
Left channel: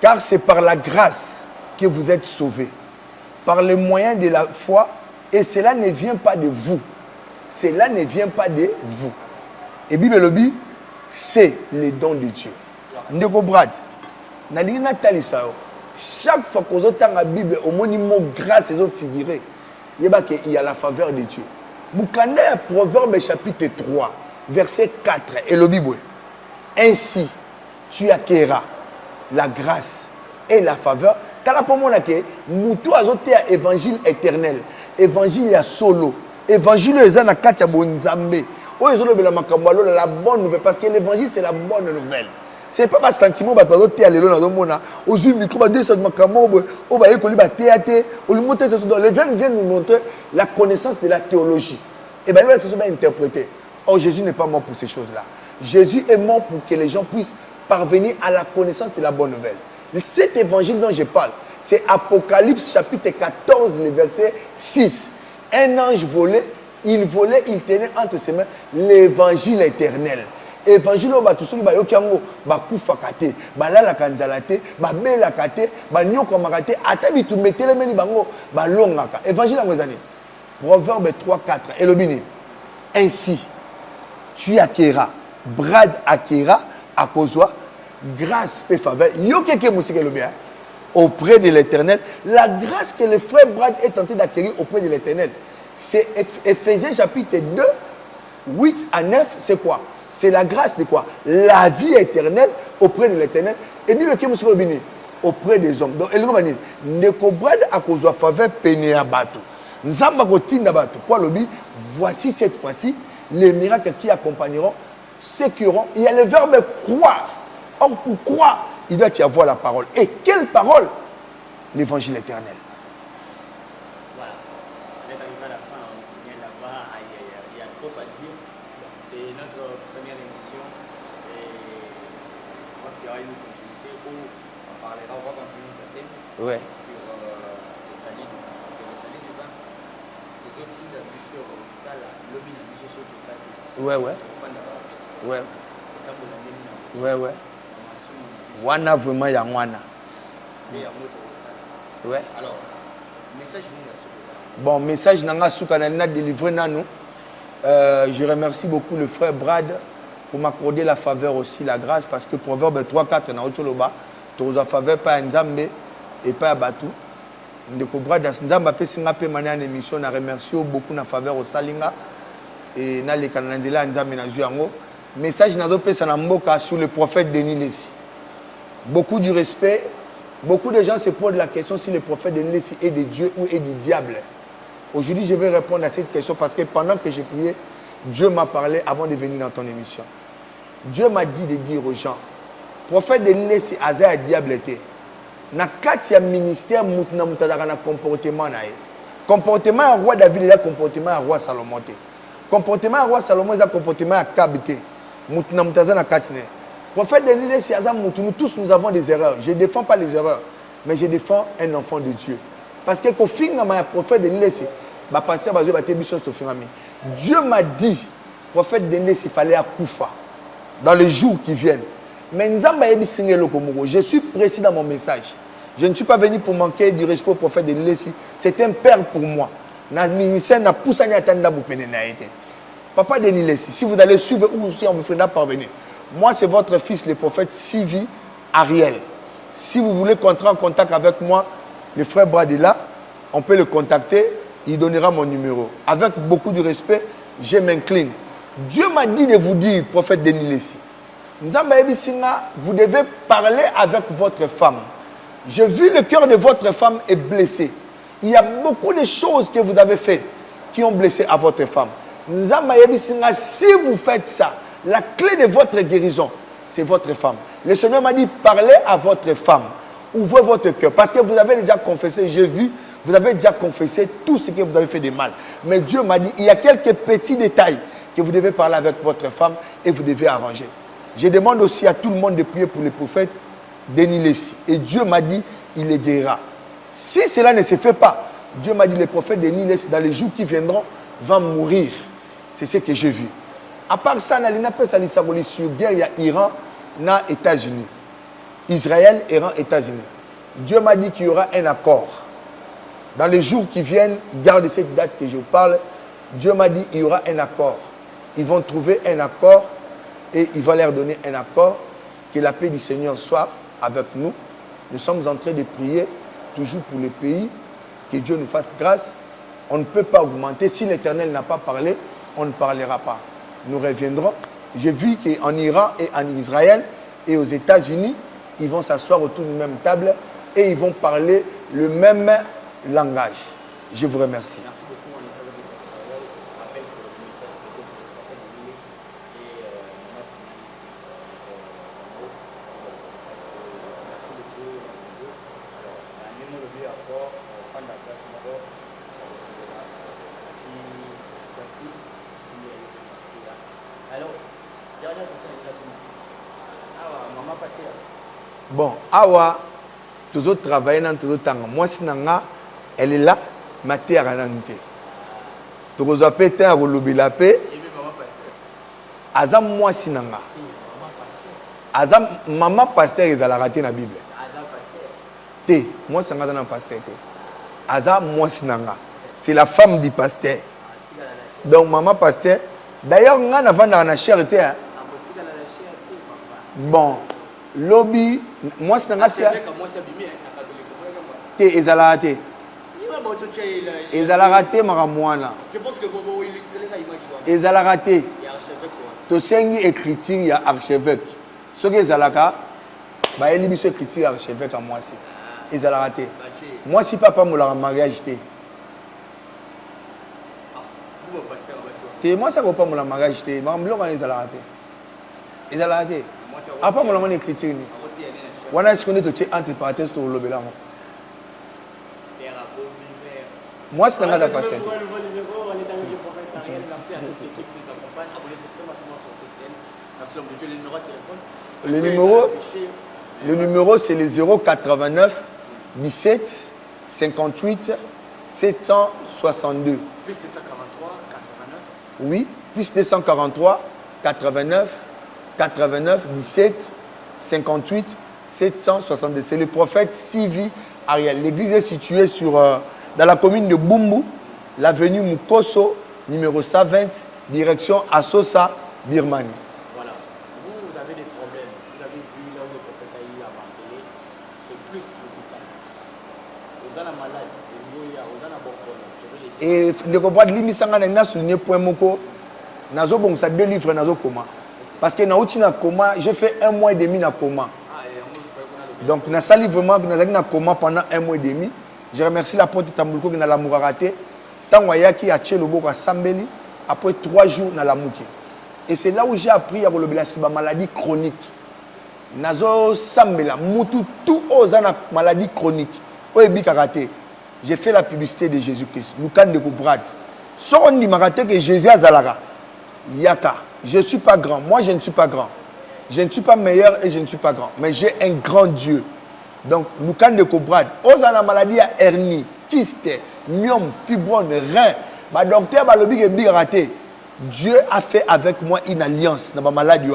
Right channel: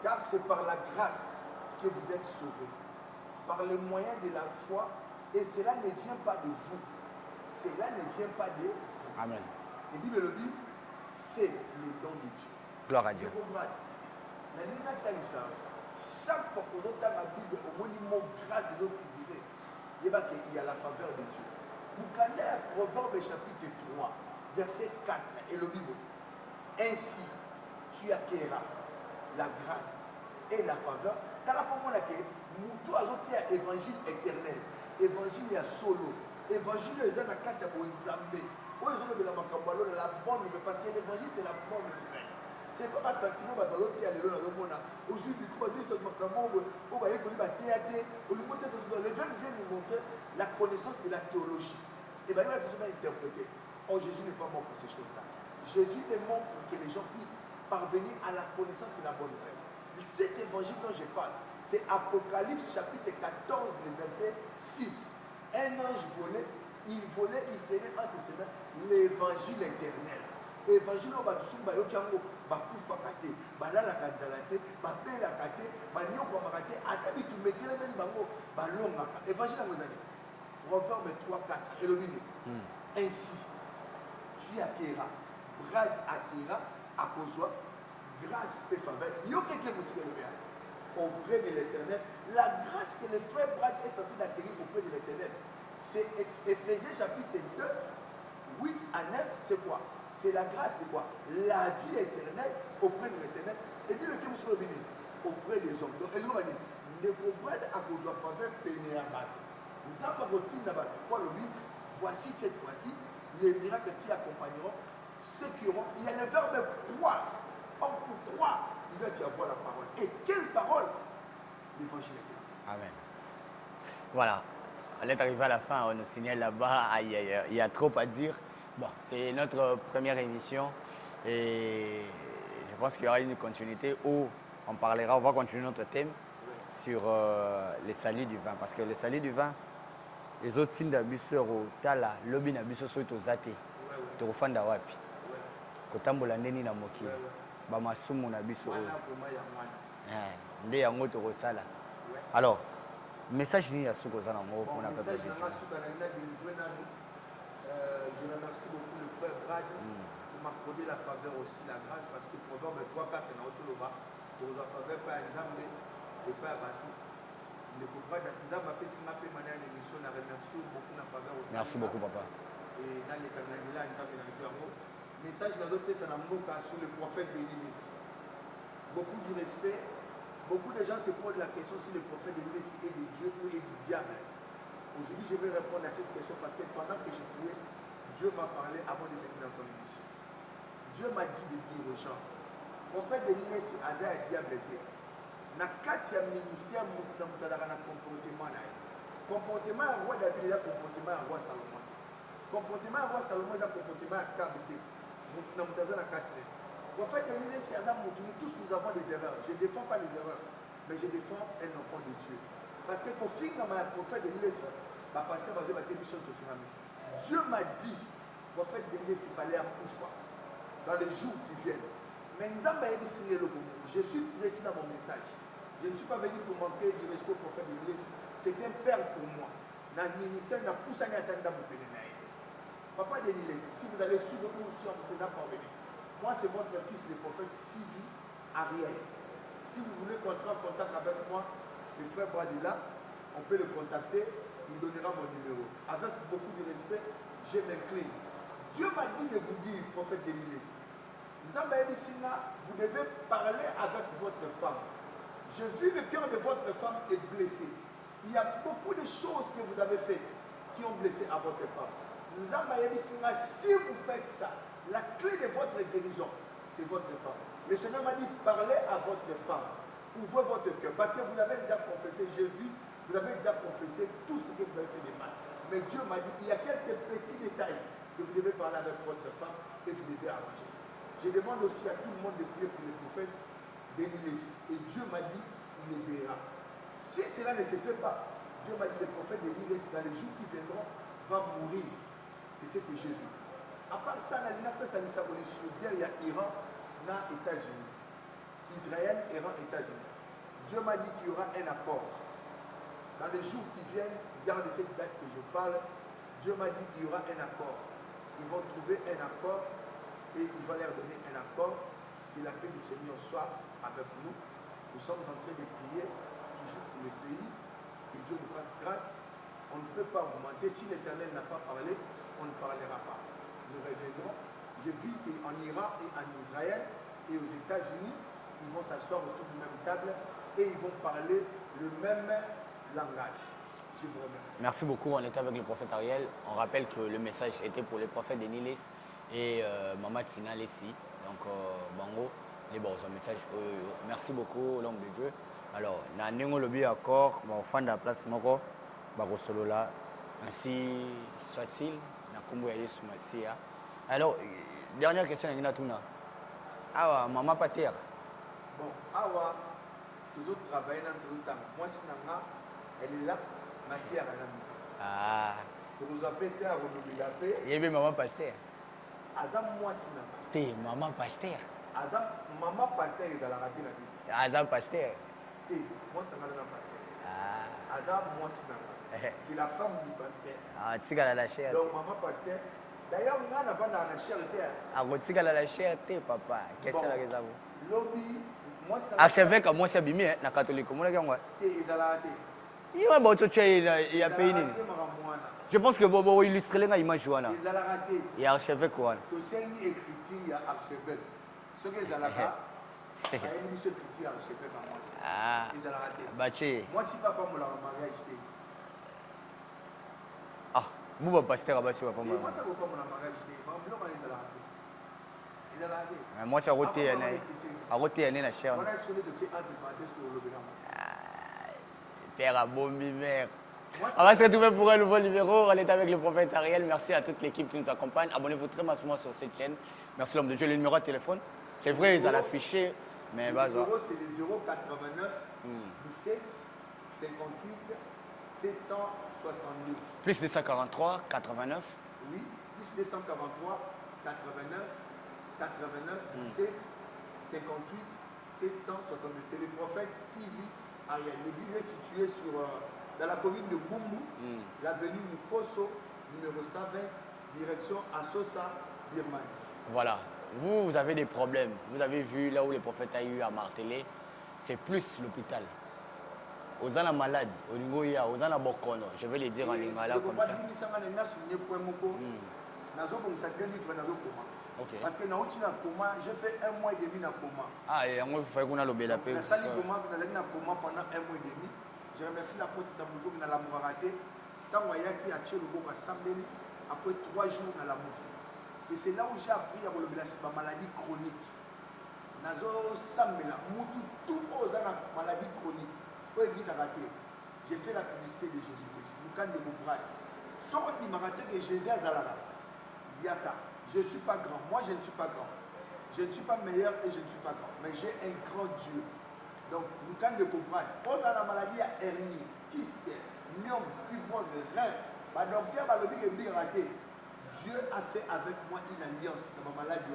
Car c'est par la grâce que vous êtes sauvés par le moyen de la foi et cela ne vient pas de vous. Cela ne vient pas de vous. Amen. Et Bible le dit, c'est le don de Dieu. Ndeko Brad, chaque fois que vous avez la Bible, au mot grâce, ils ont figuré. Il y a la faveur de Dieu. Moukanda, Proverbe chapitre 3, verset 4, et le Bible. Ainsi, tu acquerras la grâce et la faveur. Tala pour moi, Moutou a zoté à évangile éternel, évangile à solo, évangile à na katia bonzambe. La bonne nouvelle, parce que l'évangile c'est la bonne nouvelle. Ce n'est pas un sentiment que tu as les vient nous montrer la connaissance de la théologie. Et bien, ça va interpréter. Or, Jésus n'est pas mort pour ces choses-là. Jésus est mort pour que les gens puissent parvenir à la connaissance de la bonne nouvelle. Cet évangile dont je parle, c'est Apocalypse chapitre 14, le verset 6. Un ange volait. Il volait, il tenait entre ses mains l'évangile éternel. Évangile au batu soki ba yokiango ba kufakate, ba lala kanzalate, ba belakate, ba nyoko makate, ata bitu metele meli bango ba longaka. Évangile en ngozani. Proverbe 3:4 et le bini. Ainsi tu acquéras, Brad acquéra à causewa grâce et faveur. Yokeke musike le bien auprès de l'Éternel, la grâce que le frère Brad est tenté d'acquérir auprès de l'Éternel. C'est Ephésiens chapitre 2, 8 à 9, c'est quoi? C'est la grâce de quoi? La vie éternelle auprès de l'Éternel. Et dit le Kémoussou Bini, auprès des hommes. Donc, elle dit, ne cobrade à cause de faveur péné à bateau. Nzamba kotinda bateau. Quoi le dit? Voici cette fois-ci les miracles qui accompagneront ceux qui auront. Il y a le verbe croire. Or, pour croire, il doit y avoir la parole. Et quelle parole? L'évangile éternel. Voilà. On est arrivé à la fin, on est signé là-bas, il y a trop à dire. Bon, c'est notre première émission et je pense qu'il y aura une continuité où on va continuer notre thème sur les salis du vin. Parce que les salis du vin, les autres signes d'abus sur Tala, l'obin d'abus sur Tozate, Tofanda Wapi, Kotambola Ndeni Namoto, Bamasumu Nabiso. Wana vraiment Yangwana. Les Yamoto Rosala. Alors, message ni à bon, message nanga soukana na délivré nanou. Je remercie beaucoup le frère Brad pour m'accorder la faveur aussi, la grâce, parce que Proverbe 3:4 na ocholoba, tu as faveur pas Nzambe et pas Batu. Ndeko Brad Nzamba pe singa pe mania en émission na remercie beaucoup na faveur au Salinga et na le kananzela Nzambe na zuango. Message nazo pesa na mboka sur le prophète Denis Lessi. Beaucoup du respect. Beaucoup de gens se posent la question si le prophète Denis Lessi est de Dieu ou est du diable. Aujourd'hui, je vais répondre à cette question parce que pendant que j'ai prié, Dieu m'a parlé avant de venir dans ton émission. Dieu m'a dit de dire aux gens, prophète Denis Lessi, Aza diable était. Na katia ministère mutna mutadaka na comportement na ye. Comportement à roi David et comportement à roi Salomon. Comportement à roi Salomon et comportement à Kabité. Mutna mutazana na katine. Prophète Denis Lessi, nous tous nous avons des erreurs. Je ne défends pas les erreurs, mais je défends un enfant de Dieu. Parce que quand le prophète Denis Lessi, Dieu m'a dit, prophète Denis Lessi, il fallait à Koufa dans les jours qui viennent. Mais je suis précis dans mon message. Je ne suis pas venu pour manquer du respect au prophète Denis Lessi. C'est un père pour moi. Papa Denis Lessi, si vous allez suivre ou si on vous fera parvenir. Moi, c'est votre fils, le prophète Sylvie Ariel. Si vous voulez entrer en contact avec moi, le frère Bradilla, on peut le contacter, il donnera mon numéro. Avec beaucoup de respect, je m'incline. Dieu m'a dit de vous dire, prophète Denis Lessi, vous devez parler avec votre femme. J'ai vu le cœur de votre femme est blessé. Il y a beaucoup de choses que vous avez faites qui ont blessé à votre femme. Si vous faites ça, la clé de votre guérison, c'est votre femme. Le Seigneur m'a dit, parlez à votre femme. Ouvrez votre cœur. Parce que vous avez déjà confessé, j'ai vu, vous avez déjà confessé tout ce que vous avez fait de mal. Mais Dieu m'a dit, il y a quelques petits détails que vous devez parler avec votre femme et vous devez arranger. Je demande aussi à tout le monde de prier pour le prophète Denis Lessi. Et Dieu m'a dit, il les guérira. Si cela ne se fait pas, Dieu m'a dit, le prophète Denis Lessi, dans les jours qui viendront, va mourir. C'est ce que j'ai vu. À part ça, il n'y a pas de sur guerre, il y a Iran, il y a États-Unis. Israël, Iran, États-Unis. Dieu m'a dit qu'il y aura un accord. Dans les jours qui viennent, gardez cette date que je vous parle. Dieu m'a dit qu'il y aura un accord. Ils vont trouver un accord et il va leur donner un accord. Que la paix du Seigneur soit avec nous. Nous sommes en train de prier toujours pour le pays. Que Dieu nous fasse grâce. On ne peut pas augmenter. Si l'Éternel n'a pas parlé, on ne parlera pas. Nous reviendrons. J'ai vu qu'en Iran et en Israël et aux États-Unis, ils vont s'asseoir autour d'une même table et ils vont parler le même langage. Je vous remercie. Merci beaucoup. On était avec le prophète Ariel. On rappelle que le message était pour le prophète Denis et Maman Tina Lessi. Donc, et bon, ce message, merci beaucoup, l'homme de Dieu. Alors, on a le but encore, on fin de la place, on va là. Merci, soit-il. Merci. Alors, dernière question à Inatuna. Ah, maman Pater. Bon, awa, toujours travailler dans tout le temps. Moi, si nanga, elle est là, ma terre à l'anté. Toujours appéter à rouler la paix. Et même maman Pasteur. Azam moi si nanga. Maman Pasteur. Azam maman Pasteur ils allaient rater la Bible. Azam Pasteur. Té, moi c'est un pasteur. Azam moi si nanga. C'est la femme du pasteur. Donc maman Pasteur. D'ailleurs, on a dans la charité. Bon, lobby, moi c'est un catholique. Té, ils allaient rater. Ils allaient rater Maramouana. Je pense que vous illustrez l'image. Ils allaient rater. Il y a archevêque. Tu sais, écriture, il y a archevêque. Ce que ils allaient rater, il y a écriture archevêque à moi aussi. Ils allaient rater. Moi, si papa me l'a mariage, moi, ça ne pas mon mariage. Je ils allaient rater. Ils allaient rater. Après, mon écriture. On a ce qu'on est entre parenthèses sur le bélan. Moi, c'est un peu pour un nouveau numéro. On est avec le prophète Ariel. Merci à toute l'équipe qui nous accompagne. Abonnez-vous très facilement sur cette chaîne. Merci l'homme de Dieu. Le numéro de téléphone. Le numéro, c'est le 089 17 58 762. Plus 243 89. Oui, plus 243 89 89 17 58 762. C'est le prophète Sylvie Ariel. L'église est située dans la commune de Bumbu, l'avenue Mukoso, numéro 120, direction Assosa, Birmanie. Voilà. Vous avez des problèmes. Vous avez vu là où le prophète a eu à marteler. C'est plus l'hôpital. Vous avez la malade, vous avez la bokolo. Je vais les dire. Et de comprendre, l'immisanga n'a souligné point moko. Nazo bon ça 2 livres nazo coma. Parce que na coma, j'ai fait 1 mois et demi na coma. Donc na sali vraiment na coma pendant 1 mois et demi. Je remercie la porte de Tambouko qui n'a la moura raté. Tant wayaki a tché le boko à Sambeli après 3 jours na la mouki. Et c'est là où j'ai appris à relobela si maladie chronique. Nazo Sambela mutu tout aux maladie chronique. Oebi karaté. J'ai fait la publicité de Jésus-Christ. Lucan de Koubrad. Si on dit maraté que Jésus a Zalaga. Yaka. Je ne suis pas grand. Moi, je ne suis pas grand. Je ne suis pas meilleur et je ne suis pas grand. Mais j'ai un grand Dieu. Donc, Lucan de Koubrad. Aux maladie à hernie, kyste, myome, fibrome, rein. Ma docteur a lobby que raté. Dieu a fait avec moi une alliance dans ma maladie.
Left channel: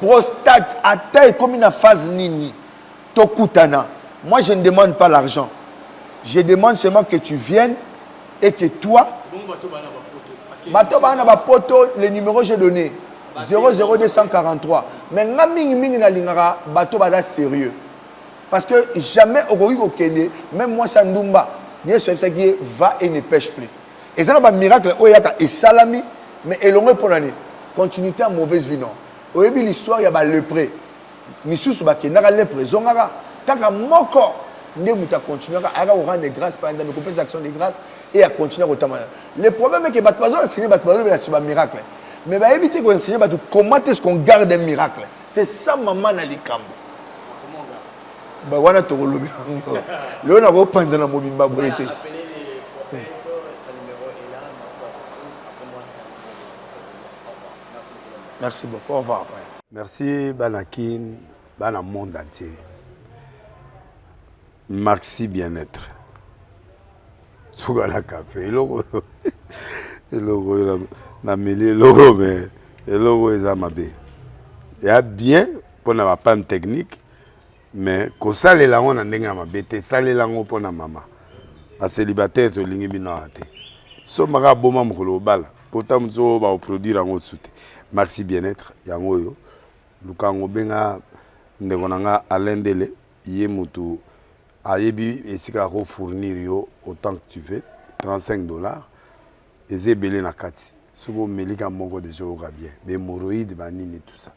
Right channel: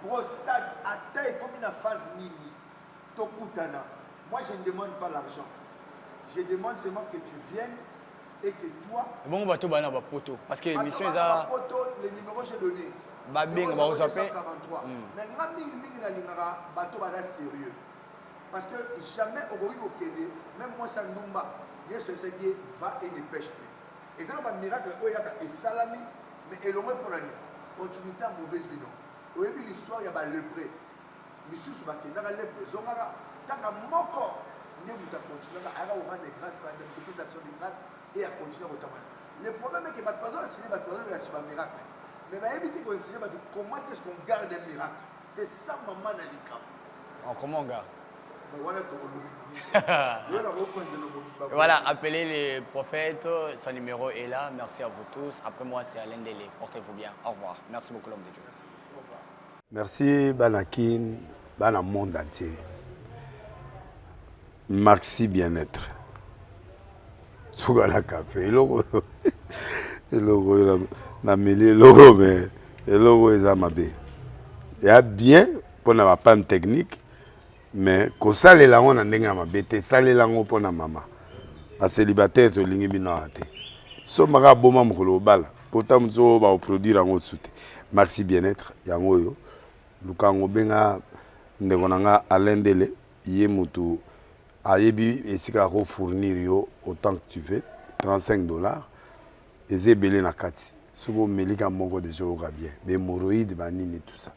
Prostate. À taille comme une phase nini. Tokutana. Moi, je ne demande pas l'argent. Je demande seulement que tu viennes et que toi, bateau bana poto, le numéro j'ai donné 00243. Mais nga mingi na lingara bateau bada sérieux. Parce que jamais au Kenya, même moi Sandumba, il y a ce qui va et ne pêche plus. Et ça n'a miracle, et salami, mais et l'on pour l'année. Continuité à mauvaise vie non. Au début l'histoire il y a le prêt. Misusu ba ke na le prison ngara. Tant que moko ne muta continuer à rendre des grâces par exemple couper actions de grâce et à continuer à autant. Le problème est que batbazo enseigner batbazo mais c'est un miracle. Mais va éviter qu'on enseigne batou comment est-ce qu'on garde un miracle. C'est ça maman na likambo. Comment on garde? Bah voilà to lobi. Le na go panza na mobimba Voilà, appelez les prophètes, son numéro est là. Merci à vous tous. Après moi c'est Alain Délé. Portez-vous bien. Au revoir. Merci beaucoup. Merci beaucoup. Au revoir. Merci Banakin, Bana monde entier. Maxi bien-être. Sougala café, logo na mêlé logo mais logo est amabé. Il y a bien pour na panne technique mais ko sale la on ndenge amabé te sale la ngo pour na mama. A célibataire to lingi bino ate. So maka boma mukolo bala. Pourtant mzo ba produire ngo soute. Maxi bien-être yango yo. Lukango benga ndeko nanga Alain Délé yé mutu ayebi esika ko fournir yo autant que tu veux $35 ezebele na kati sobo melika moko de joga bien be moroïde banini tout ça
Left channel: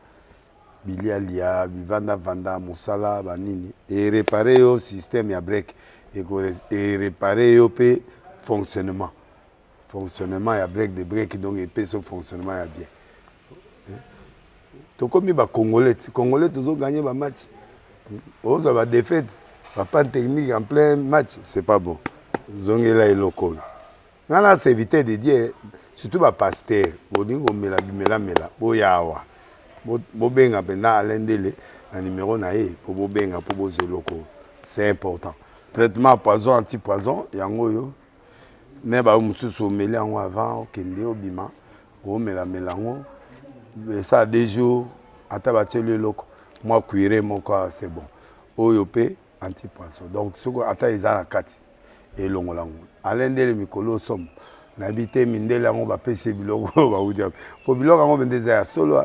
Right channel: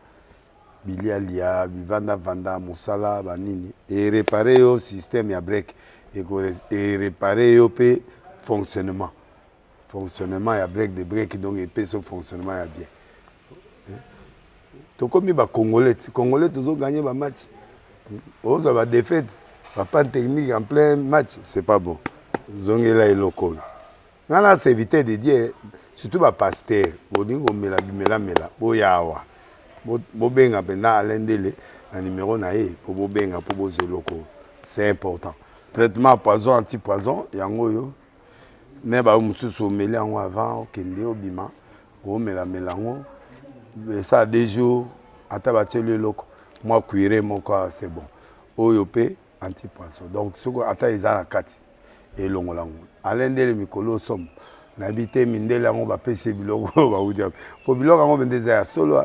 bilialia vanda musala banini et réparer yo système ya break et réparer yo pe fonctionnement ya break de break donc et pe son fonctionnement ya bien. Tokomi ba congolais toujours gagner ba match. On va défaite, pas technique en plein match, c'est pas bon. Zongela et loko. Ngana c'est éviter de dire surtout ba pasteur, bodingo mela boyawa. Bo benga penda Alain Délé na numéro na ye pour bo benga pour bo loko. C'est important. Traitement poison anti-poison yango yo. Ne ba mususu meli yango avant okende obima. O mela ngo. Ça des jours à tabater le loco moi cuire mon corps c'est bon oyopé anti-poisson donc ce que ata ezala kati et longolango Alain Délé mikolo somme n'habiter mindela ngo ba pese biloko ba udia po biloko ngo bendeza solo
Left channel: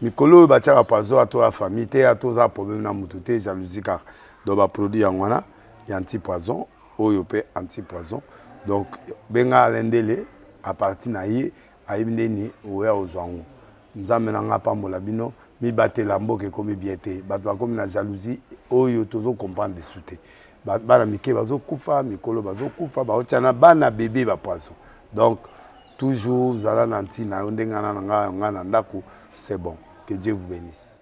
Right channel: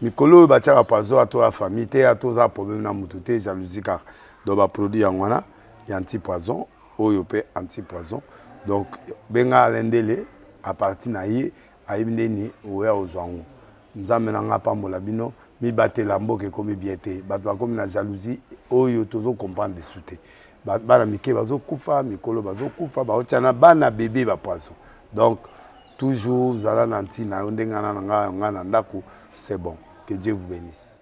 mikolo ba tchaka poisson à toi famille te à toi problème na mututé jalousie car do ba produit ngwana ya anti-poisson oyopé anti-poisson donc benga Alain Délé à partir na ye ayibindeni oya ozwango nzambe na nga pambola bino mi batela mboke komi biete bato bakomi na jalousie oyo tozo comprendre dessous te bana mike bazo kufa mikolo bazo kufa baotiana bana bébé ba poisson donc toujours zala na ntina ndengana na nga na ndako c'est bon que Dieu vous bénisse.